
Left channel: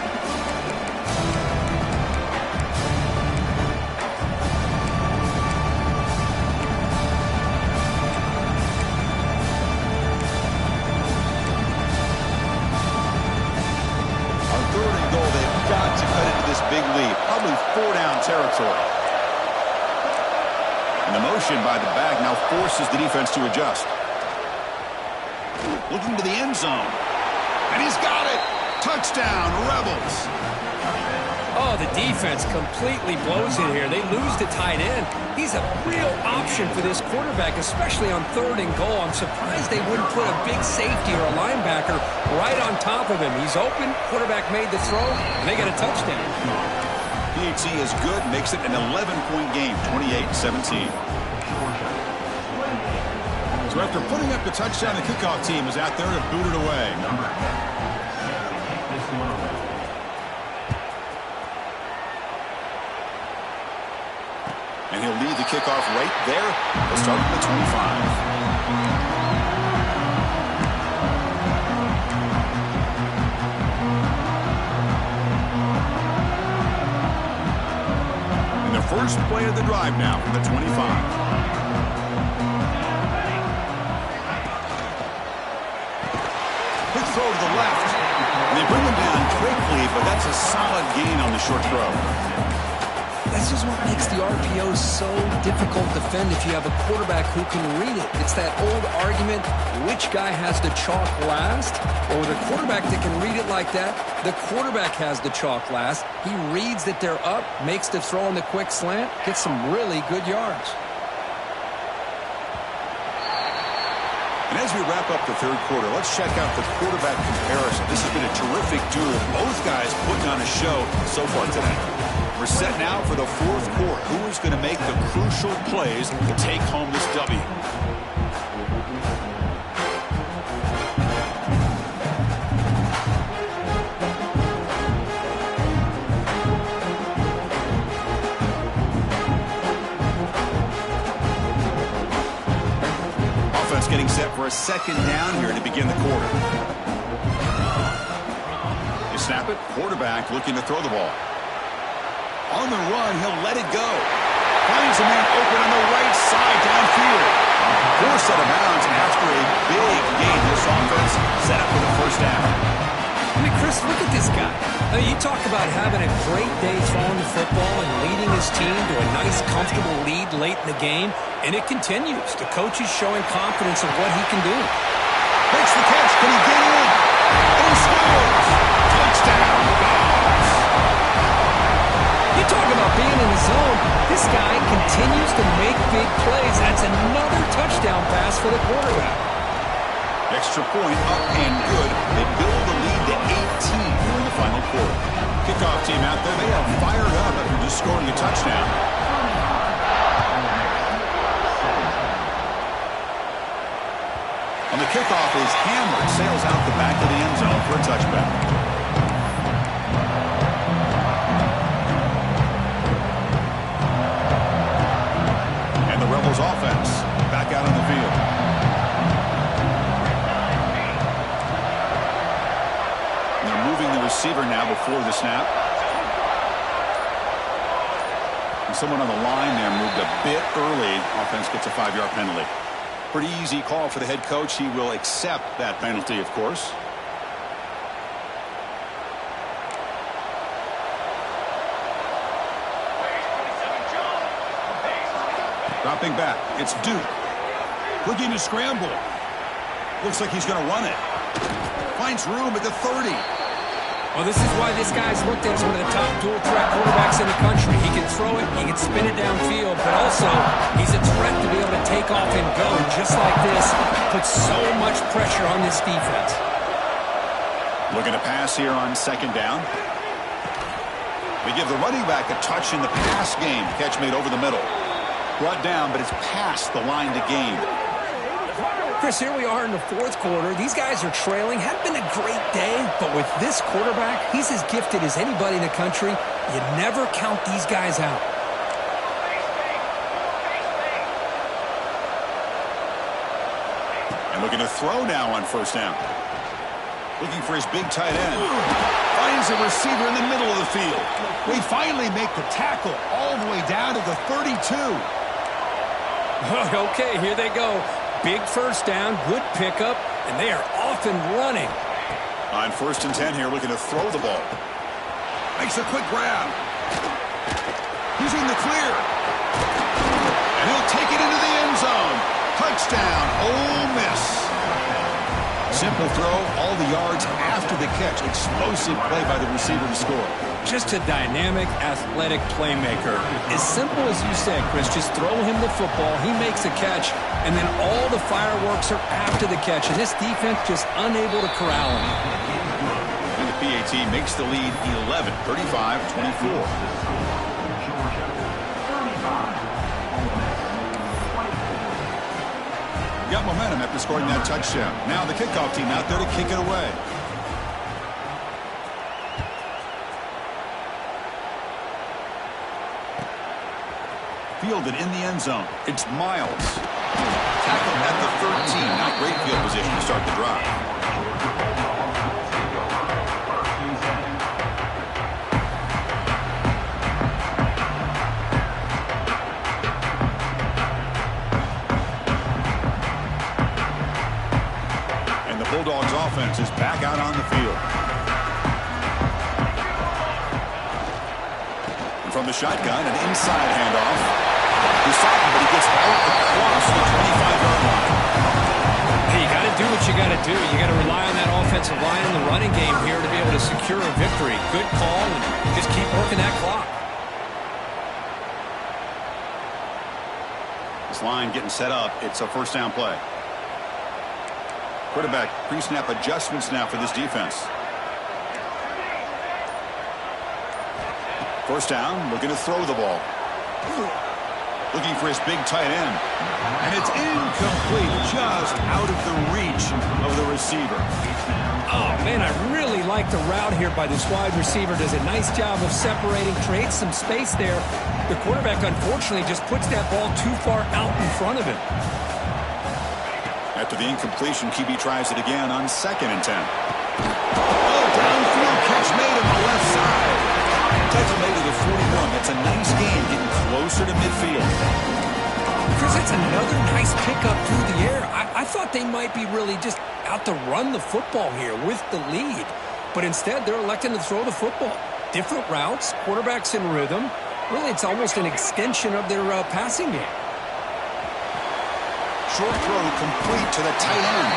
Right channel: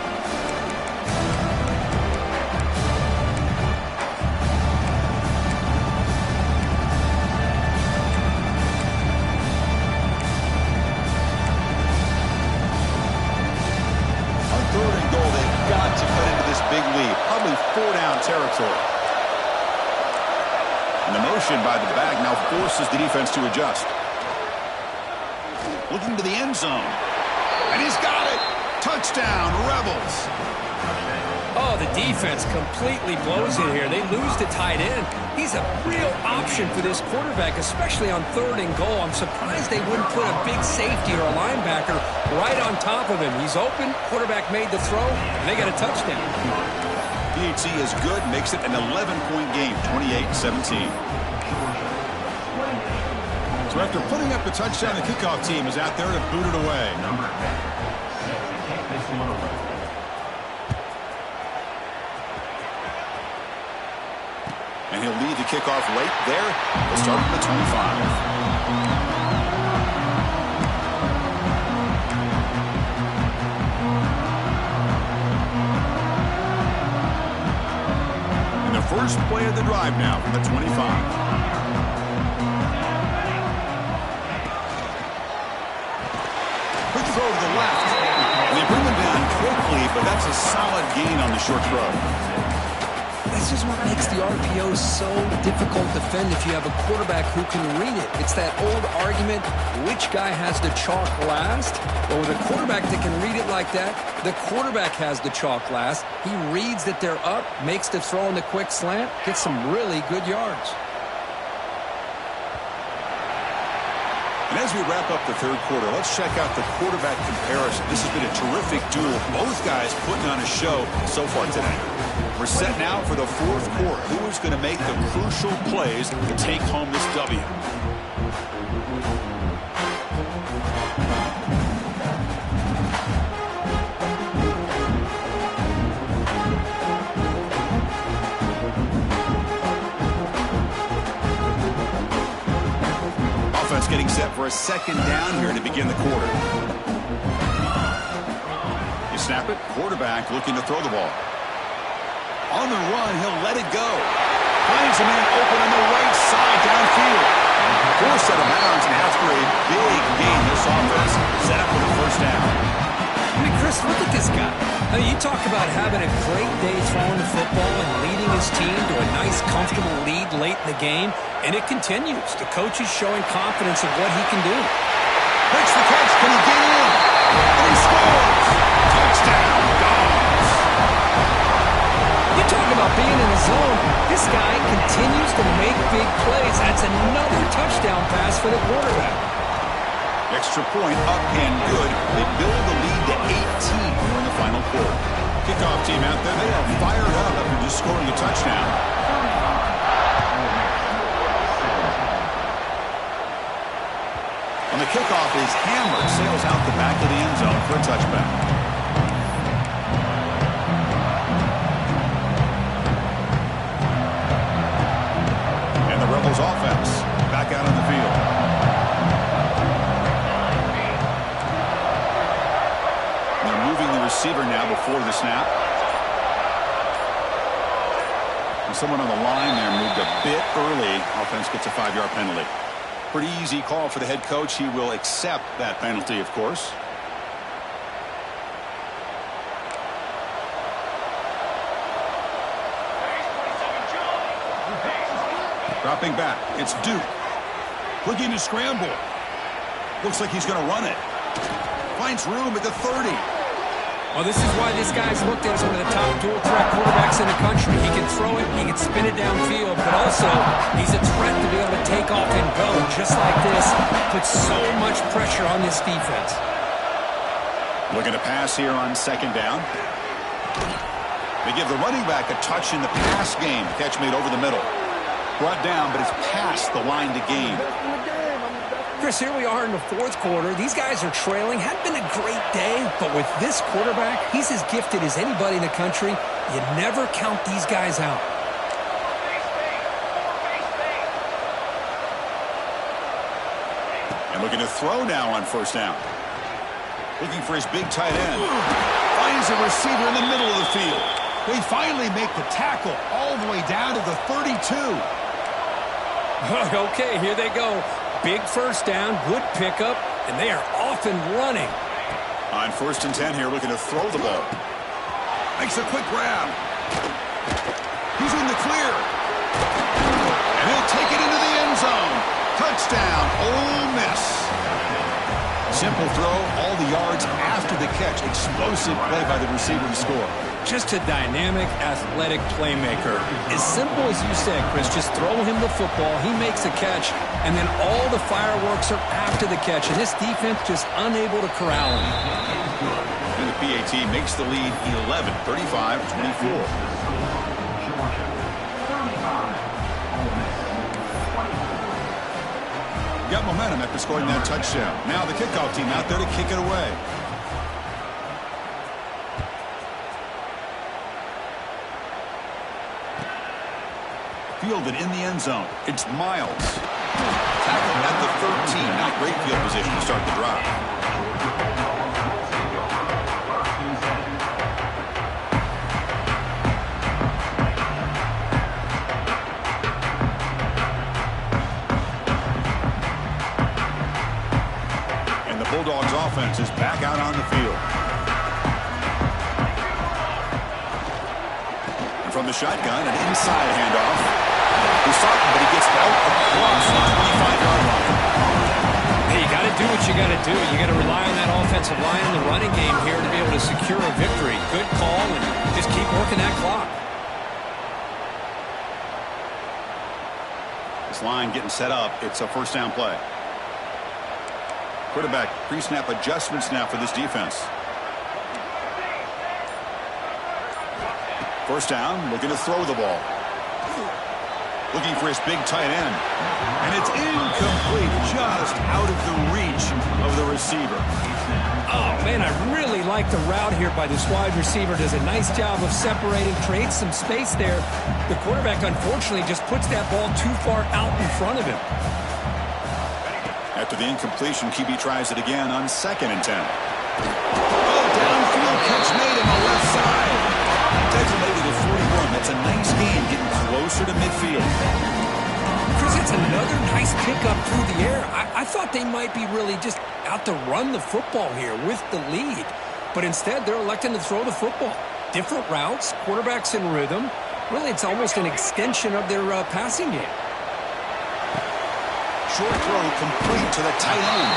Third and goal, they've got to cut into this big lead. Probably 4-down territory. And the motion by the back now forces the defense to adjust. Looking to the end zone. And he's got it. Touchdown, Rebels. Oh, the defense completely blows it here. They lose the tight end. He's a real option for this quarterback, especially on third and goal. I'm surprised they wouldn't put a big safety or a linebacker right on top of him. He's open. Quarterback made the throw, and they got a touchdown. PHC is good, makes it an 11-point game, 28-17. So after putting up the touchdown, the kickoff team is out there to boot it away. And he'll lead the kickoff right there. They'll start at the 25. And the first play of the drive now from the 25. Quick throw to the left. And they bring him down quickly, but that's a solid gain on the short throw. That's just what makes the RPO so difficult to defend if you have a quarterback who can read it. It's that old argument, which guy has the chalk last? Well, with a quarterback that can read it like that, the quarterback has the chalk last. He reads that they're up, makes the throw on the quick slant, gets some really good yards. And as we wrap up the third quarter, let's check out the quarterback comparison. This has been a terrific duel. Both guys putting on a show so far today. We're set now for the fourth quarter. Who is going to make the crucial plays to take home this W? Offense getting set for a second down here to begin the quarter. You snap it. Quarterback looking to throw the ball. On the run, he'll let it go. Finds a man open on the right side downfield. Forced out of bounds after a big gain. This offense set up with a first down. I mean, Chris, look at this guy. I mean, you talk about having a great day throwing the football and leading his team to a nice, comfortable lead late in the game, and it continues. The coach is showing confidence of what he can do. Makes the catch. Can he get in? And he scores. Touchdown, Dogs. You talk about being in the zone. This guy continues to make big plays. That's another touchdown pass for the quarterback. Extra point up and good. They build the lead for it. Kickoff team out there, they are fired up after just scoring a touchdown. On the kickoff is hammered, sails out the back of the end zone for a touchback. And the Rebels offense back out on the field. They're moving the receiver now before the snap. And someone on the line there moved a bit early. Offense gets a 5-yard penalty. Pretty easy call for the head coach. He will accept that penalty, of course. Dropping back. It's Duke. Looking to scramble. Looks like he's going to run it. Finds room at the 30. Well, this is why this guy's looked at as one of the top dual-threat quarterbacks in the country. He can throw it, he can spin it downfield, but also he's a threat to be able to take off and go just like this. Puts so much pressure on this defense. Looking to pass here on second down. They give the running back a touch in the pass game. Catch made over the middle. Brought down, but it's past the line to gain. Chris, here we are in the fourth quarter. These guys are trailing. Hadn't been a great day, but with this quarterback, he's as gifted as anybody in the country. You never count these guys out. And looking to throw now on first down. Looking for his big tight end. Finds a receiver in the middle of the field. They finally make the tackle all the way down to the 32. Okay, here they go. Big first down, good pickup, and they are off and running. On 1st and 10 here, looking to throw the ball. Makes a quick grab. He's in the clear. And he'll take it into the end zone. Touchdown, Ole Miss. Simple throw, all the yards after the catch. Explosive play by the receiver to score. Just a dynamic, athletic playmaker. As simple as you said, Chris, just throw him the football, he makes a catch, and then all the fireworks are after the catch, and this defense just unable to corral him. And the PAT makes the lead 11, 35-24. Georgia, 35, Ole Miss, 24. Got momentum after scoring that touchdown. Now the kickoff team out there to kick it away. Fielded in the end zone. It's Miles. Tackled at the 13. Not great field position to start the drive. And the Bulldogs offense is back out on the field. And from the shotgun, an inside handoff. He's talking, but he gets out across the 25-yard line. Hey, you got to do what you got to do. You got to rely on that offensive line in the running game here to be able to secure a victory. Good call, and just keep working that clock. This line getting set up. It's a first down play. Quarterback pre-snap adjustments now for this defense. First down, looking to throw the ball. Looking for his big tight end. And it's incomplete, just out of the reach of the receiver. Oh, man, I really like the route here by this wide receiver. Does a nice job of separating, creates some space there. The quarterback, unfortunately, just puts that ball too far out in front of him. After the incompletion, QB tries it again on 2nd and 10. Oh, downfield catch made on the left side. Tackle made to the 41. That's a nice game, getting closer to midfield. Chris, it's another nice pickup through the air. I thought they might be really just out to run the football here with the lead. But instead, they're electing to throw the football. Different routes, quarterbacks in rhythm. Really, it's almost an extension of their passing game. Short throw complete to the tight end.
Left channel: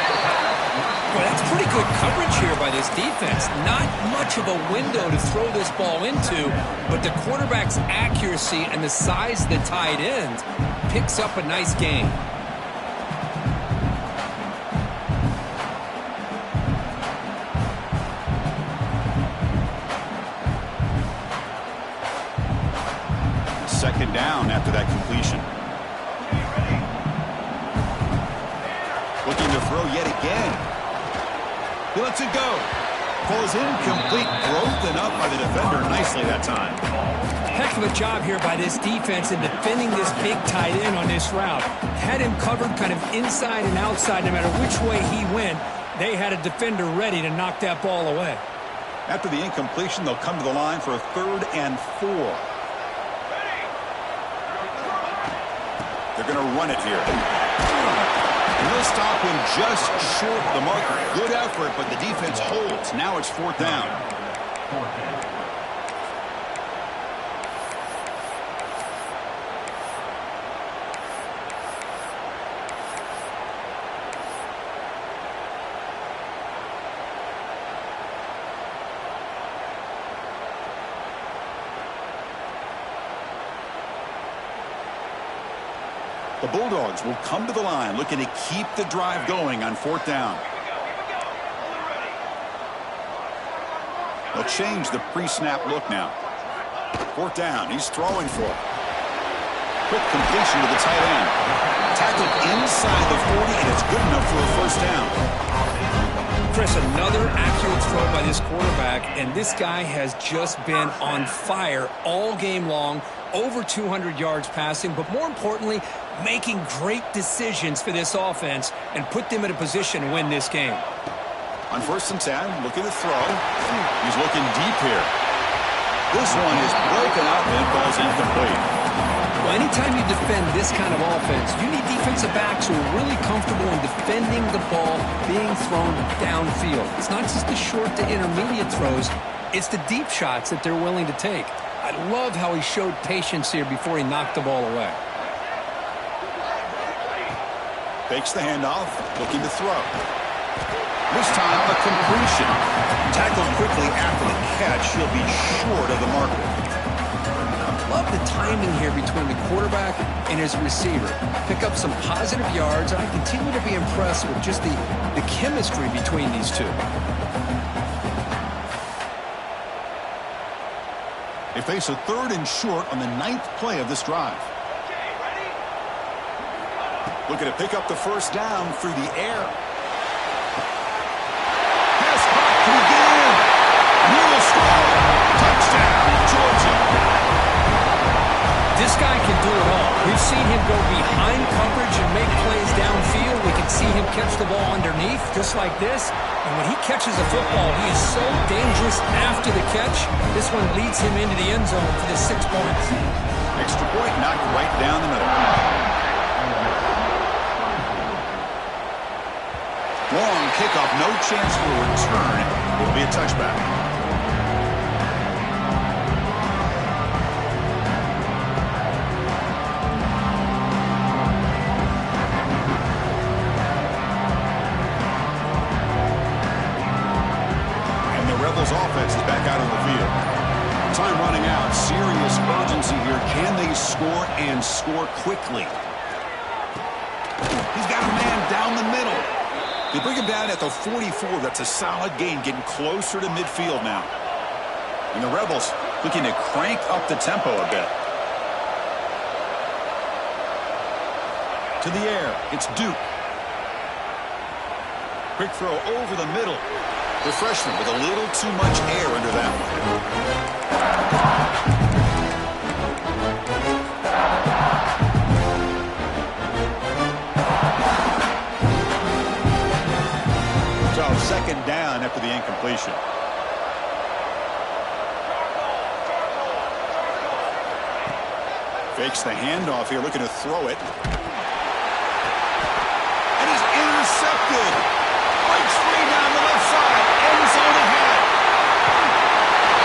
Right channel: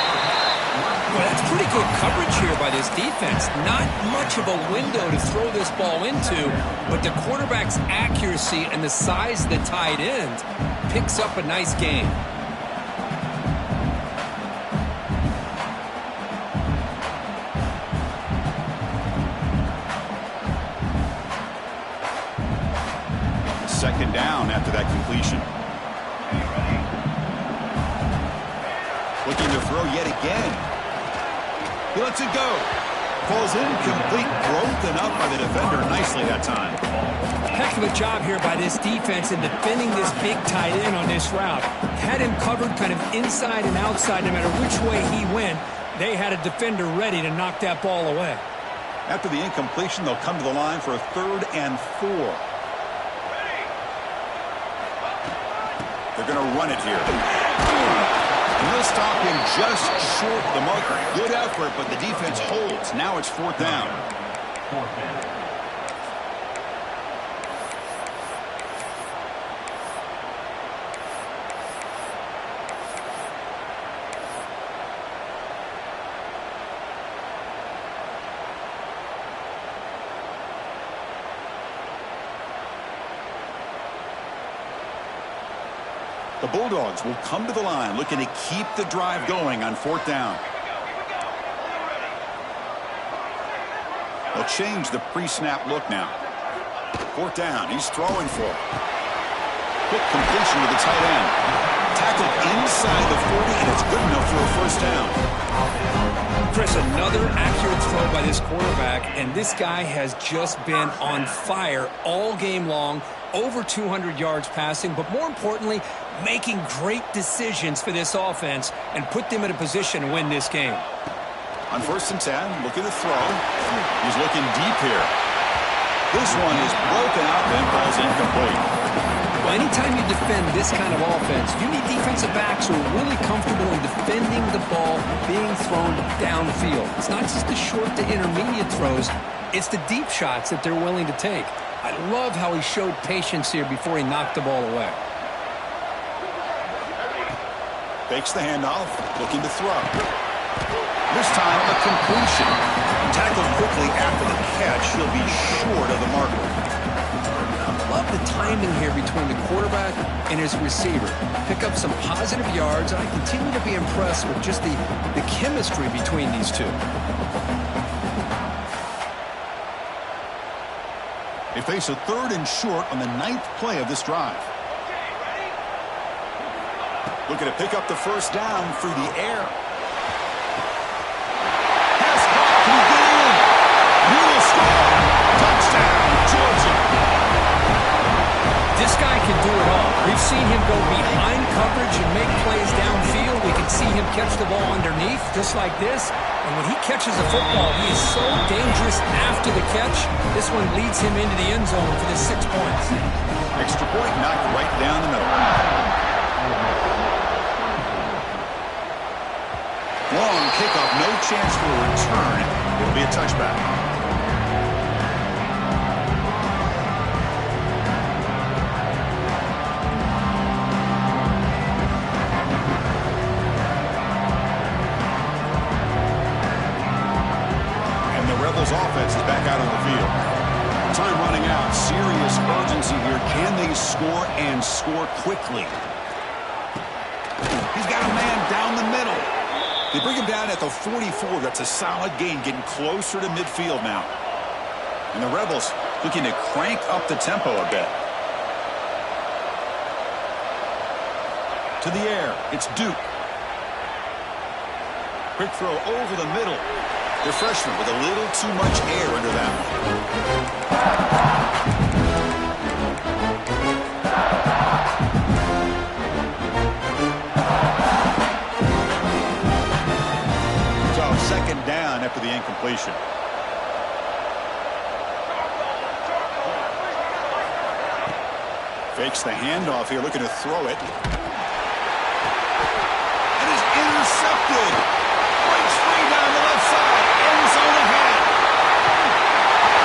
Boy, that's pretty good coverage here by this defense. Not much of a window to throw this ball into, but the quarterback's accuracy and the size of the tight end picks up a nice gain. second down after that completion. Looking to throw yet again. He lets it go. Falls incomplete. Broken up by the defender nicely that time. Heck of a job here by this defense in defending this big tight end on this route. Had him covered kind of inside and outside no matter which way he went. They had a defender ready to knock that ball away. After the incompletion, they'll come to the line for a 3rd and 4. They're going to run it here. And they'll stop him just short of the marker. Good effort, but the defense holds. Now it's 4th down. 4th down. The Bulldogs will come to the line looking to keep the drive going on 4th down. They'll change the pre-snap look now. 4th down. He's throwing for it. Quick completion to the tight end. Tackled inside the 40, and it's good enough for a 1st down. Chris, another accurate throw by this quarterback, and this guy has just been on fire all game long. Over 200 yards passing, but more importantly, making great decisions for this offense and put them in a position to win this game. On 1st and 10, looking to throw. He's looking deep here. This one is broken up and falls incomplete. Well, anytime you defend this kind of offense, you need defensive backs who are really comfortable in defending the ball being thrown downfield. It's not just the short to intermediate throws, it's the deep shots that they're willing to take. I love how he showed patience here before he knocked the ball away. Fakes the handoff, looking to throw. This time, a completion. Tackled quickly after the catch. He'll be short of the marker. Love the timing here between the quarterback and his receiver. Pick up some positive yards, and I continue to be impressed with just the chemistry between these two. They face a 3rd and short on the 9th play of this drive. Looking to pick up the 1st down through the air. Pass caught. Can he get in? And he will score. Touchdown, Georgia. This guy can do it all. We've seen him go behind coverage and make plays downfield. We can see him catch the ball underneath, just like this. And when he catches a football, he is so dangerous after the catch. This one leads him into the end zone for the 6 points. Extra point knocked right down the middle. Long kickoff, no chance for a return. It'll be a touchback. Offense is back out on the field. Time running out. Serious urgency here. Can they score and score quickly? He's got a man down the middle. They bring him down at the 44. That's a solid gain, getting closer to midfield now. And the Rebels looking to crank up the tempo a bit. To the air. It's Duke. Quick throw over the middle. The freshman with a little too much air under that one. So 2nd down after the incompletion. Fakes the handoff here, looking to throw it. And is intercepted. Breaks free down the left side. End zone ahead.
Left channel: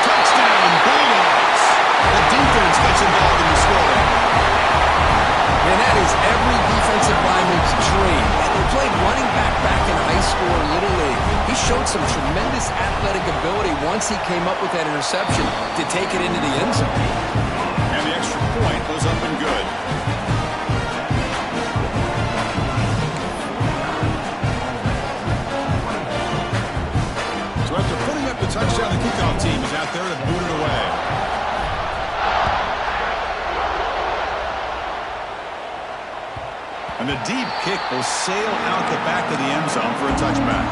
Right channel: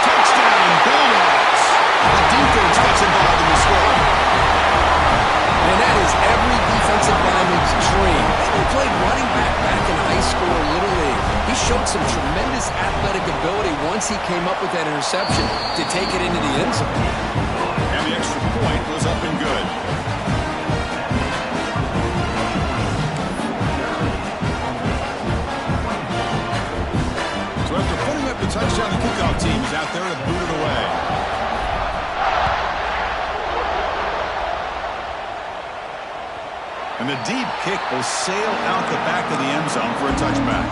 Touchdown, Bulldogs. The defense gets involved in the scoring. And that is every defensive lineman's dream. And he played running back in high school or Little League. He showed some tremendous athletic ability once he came up with that interception to take it into the end zone. And the extra point was up and good. So after putting up the touchdown, the kickoff team is out there to boot it away. And the deep kick will sail out the back of the end zone for a touchback.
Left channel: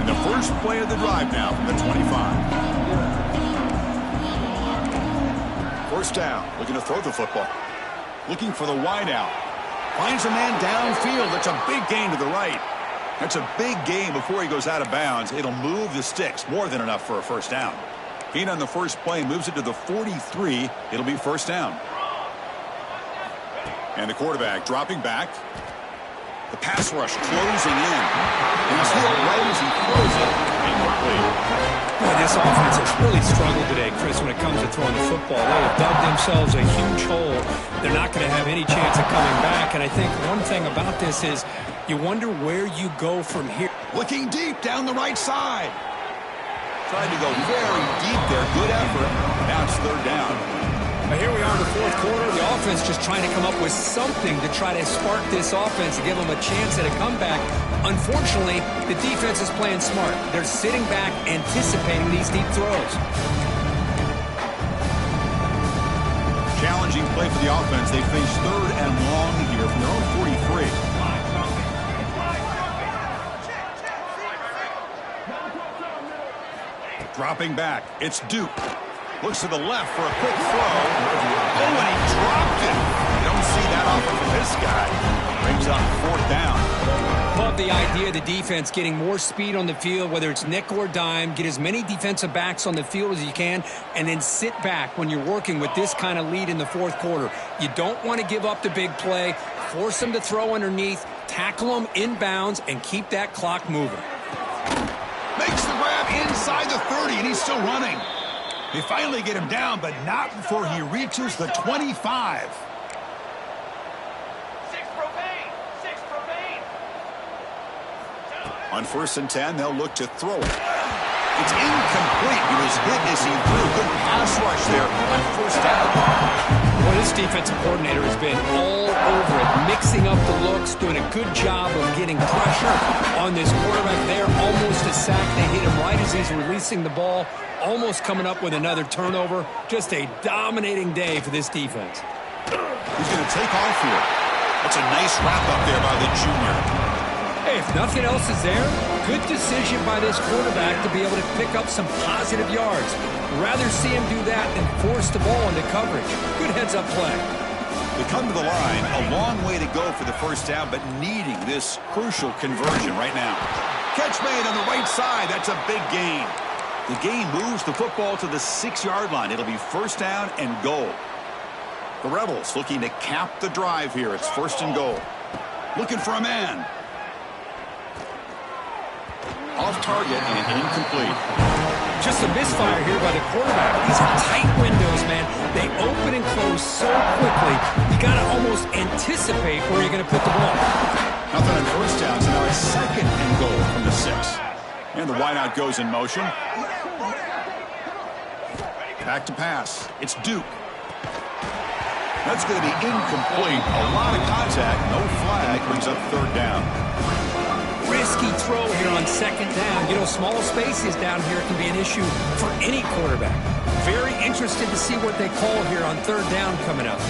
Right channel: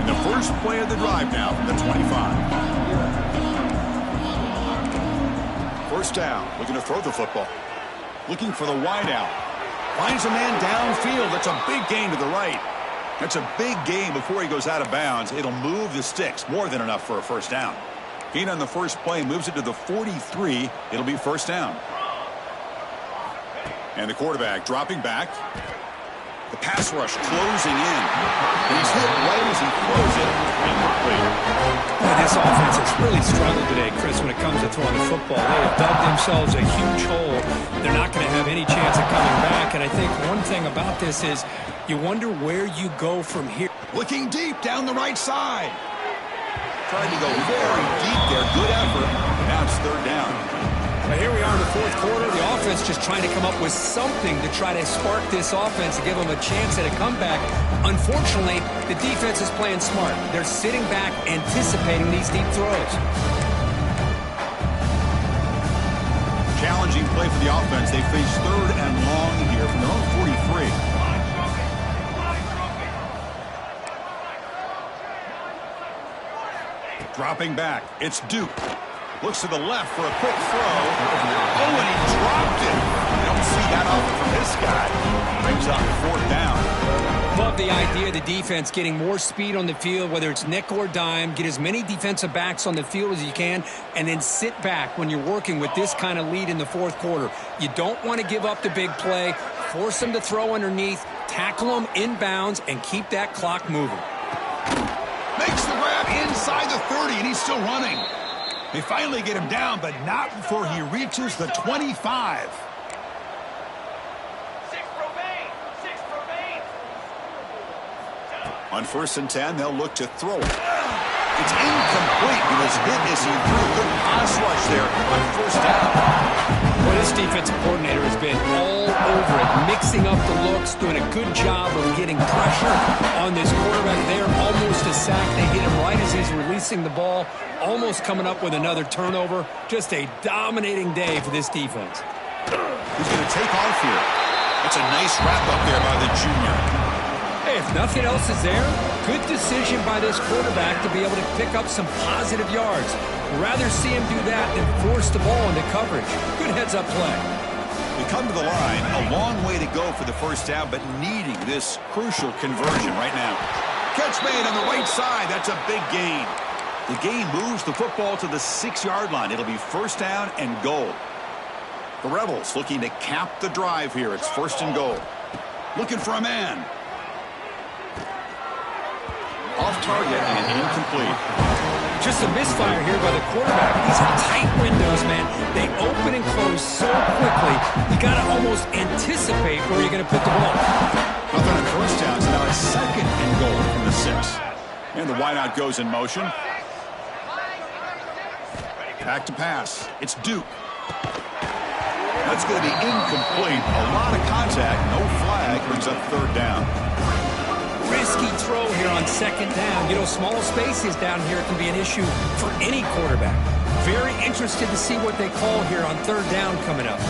And the first play of the drive now from the 25. First down, looking to throw the football. Looking for the wide out. Finds a man downfield. That's a big gain to the right. That's a big gain before he goes out of bounds. It'll move the sticks. More than enough for a first down. Gain on the first play moves it to the 43. It'll be first down. And the quarterback dropping back. The pass rush closing in. And he's hit right as he throws it. Incomplete. Boy, this offense has really struggled today, Chris, when it comes to throwing the football. They have dug themselves a huge hole. They're not going to have any chance of coming back. And I think one thing about this is you wonder where you go from here. Looking deep down the right side. Tried to go very deep there. Good effort. Now it's third down. Now here we are in the fourth quarter. The offense just trying to come up with something to try to spark this offense to give them a chance at a comeback. Unfortunately, the defense is playing smart. They're sitting back, anticipating these deep throws. Challenging play for the offense. They face third and long here from their own 43. Dropping back. It's Duke. Looks to the left for a quick throw. Oh, and he dropped it. You don't see that often from this guy. Brings up fourth down. Love the idea of the defense getting more speed on the field, whether it's nickel or dime. Get as many defensive backs on the field as you can, and then sit back when you're working with this kind of lead in the fourth quarter. You don't want to give up the big play. Force them to throw underneath, tackle them inbounds, and keep that clock moving. Makes the grab inside the 30, and he's still running. They finally get him down, but not before he reaches the 25. On 1st and 10, they'll look to throw it. It's incomplete. He was hit as he threw. Good pass rush there on first down. Well, this defensive coordinator has been all over it, mixing up the looks, doing a good job of getting pressure on this quarterback there. Almost a sack. They hit him right as he's releasing the ball, almost coming up with another turnover. Just a dominating day for this defense. He's going to take off here. That's a nice wrap up there by the junior. Hey, if nothing else is there, good decision by this quarterback to be able to pick up some positive yards. Rather see him do that than force the ball into coverage. Good heads-up play. They come to the line, a long way to go for the first down, but needing this crucial conversion right now. Catch made on the right side. That's a big gain. The gain moves the football to the 6-yard line. It'll be first down and goal. The Rebels looking to cap the drive here. It's 1st and goal. Looking for a man. Off target and incomplete. Just a misfire here by the quarterback. These are tight windows, man. They open and close so quickly, you got to almost anticipate where you're going to put the ball. Nothing on first down, so now it's 2nd and goal from the 6. And the wideout goes in motion. Back to pass. It's Duke. That's going to be incomplete. A lot of contact. No flag. Brings up 3rd down. Risky throw here on 2nd down. You know, small spaces down here can be an issue for any quarterback. Very interested to see what they call here on 3rd down coming up.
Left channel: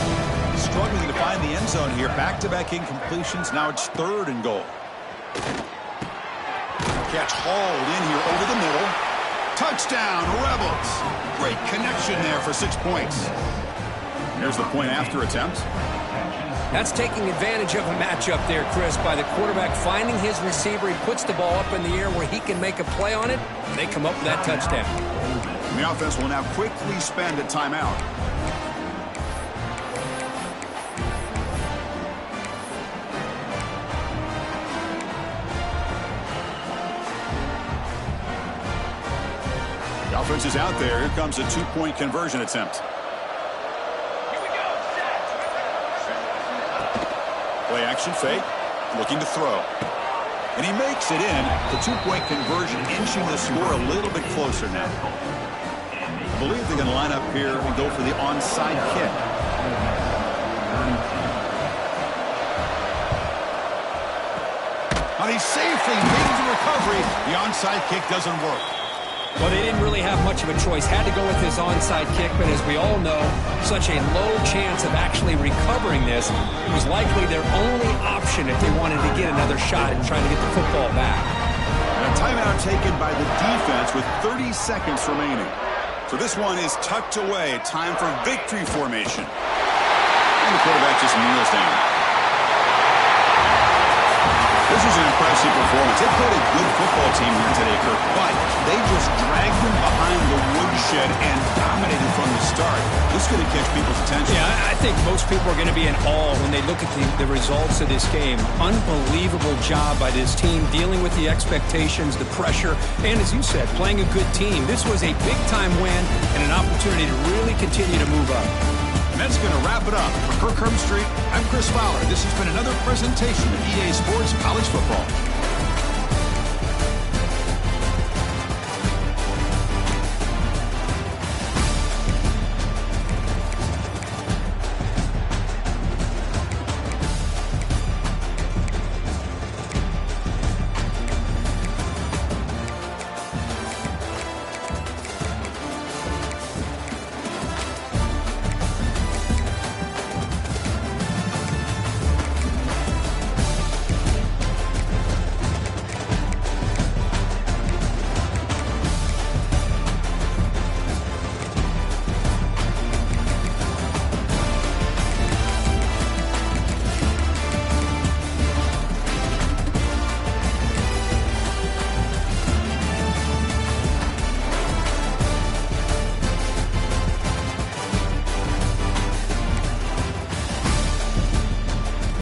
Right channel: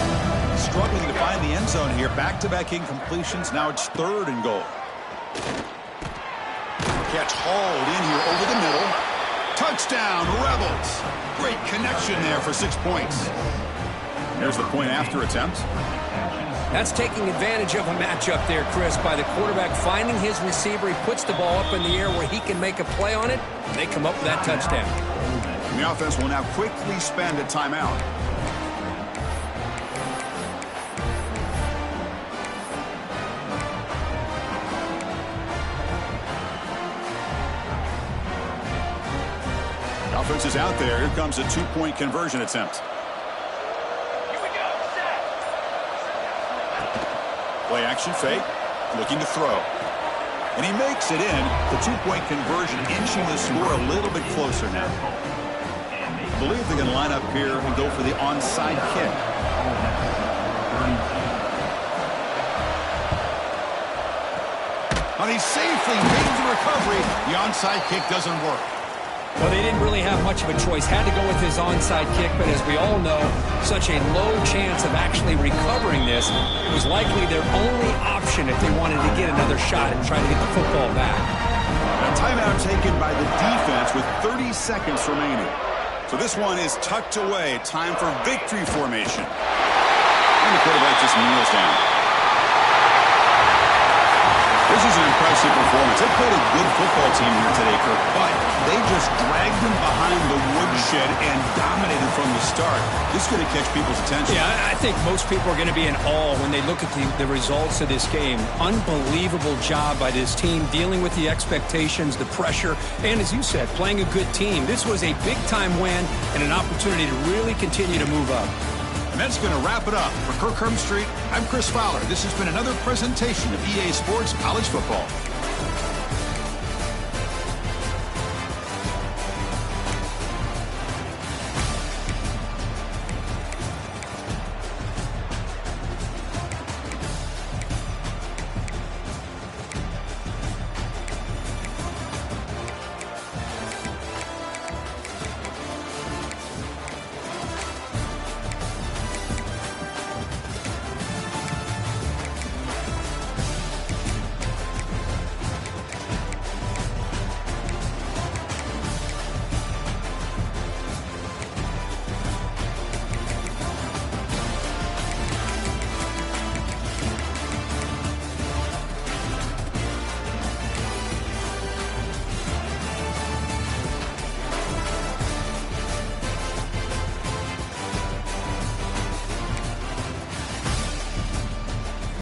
Struggling to find the end zone here. Back-to-back incompletions. Now it's 3rd and goal. Catch hauled in here over the middle. Touchdown, Rebels. Great connection there for 6 points. There's the point after attempt. That's taking advantage of a matchup there, Chris, by the quarterback finding his receiver. He puts the ball up in the air where he can make a play on it. They come up with that touchdown. And the offense will now quickly spend a timeout. The offense is out there. Here comes a 2-point conversion attempt. Play action fake, looking to throw. And he makes it in. The 2-point conversion inching the score a little bit closer now. I believe they're going to line up here and go for the onside kick. And he safely makes the recovery. The onside kick doesn't work. Well, they didn't really have much of a choice. Had to go with his onside kick, but as we all know, such a low chance of actually recovering this. It was likely their only option if they wanted to get another shot at trying to get the football back. And a timeout taken by the defense with 30 seconds remaining. So this one is tucked away. Time for victory formation. And the quarterback just kneels down. This is an impressive performance. They played a good football team here today, Kirk, but they just dragged them behind the woodshed and dominated from the start. This is going to catch people's attention. Yeah, I think most people are going to be in awe when they look at the results of this game. Unbelievable job by this team dealing with the expectations, the pressure, and as you said, playing a good team. This was a big-time win and an opportunity to really continue to move up. And that's going to wrap it up. For Kirk Herbstreit, I'm Chris Fowler. This has been another presentation of EA Sports College Football.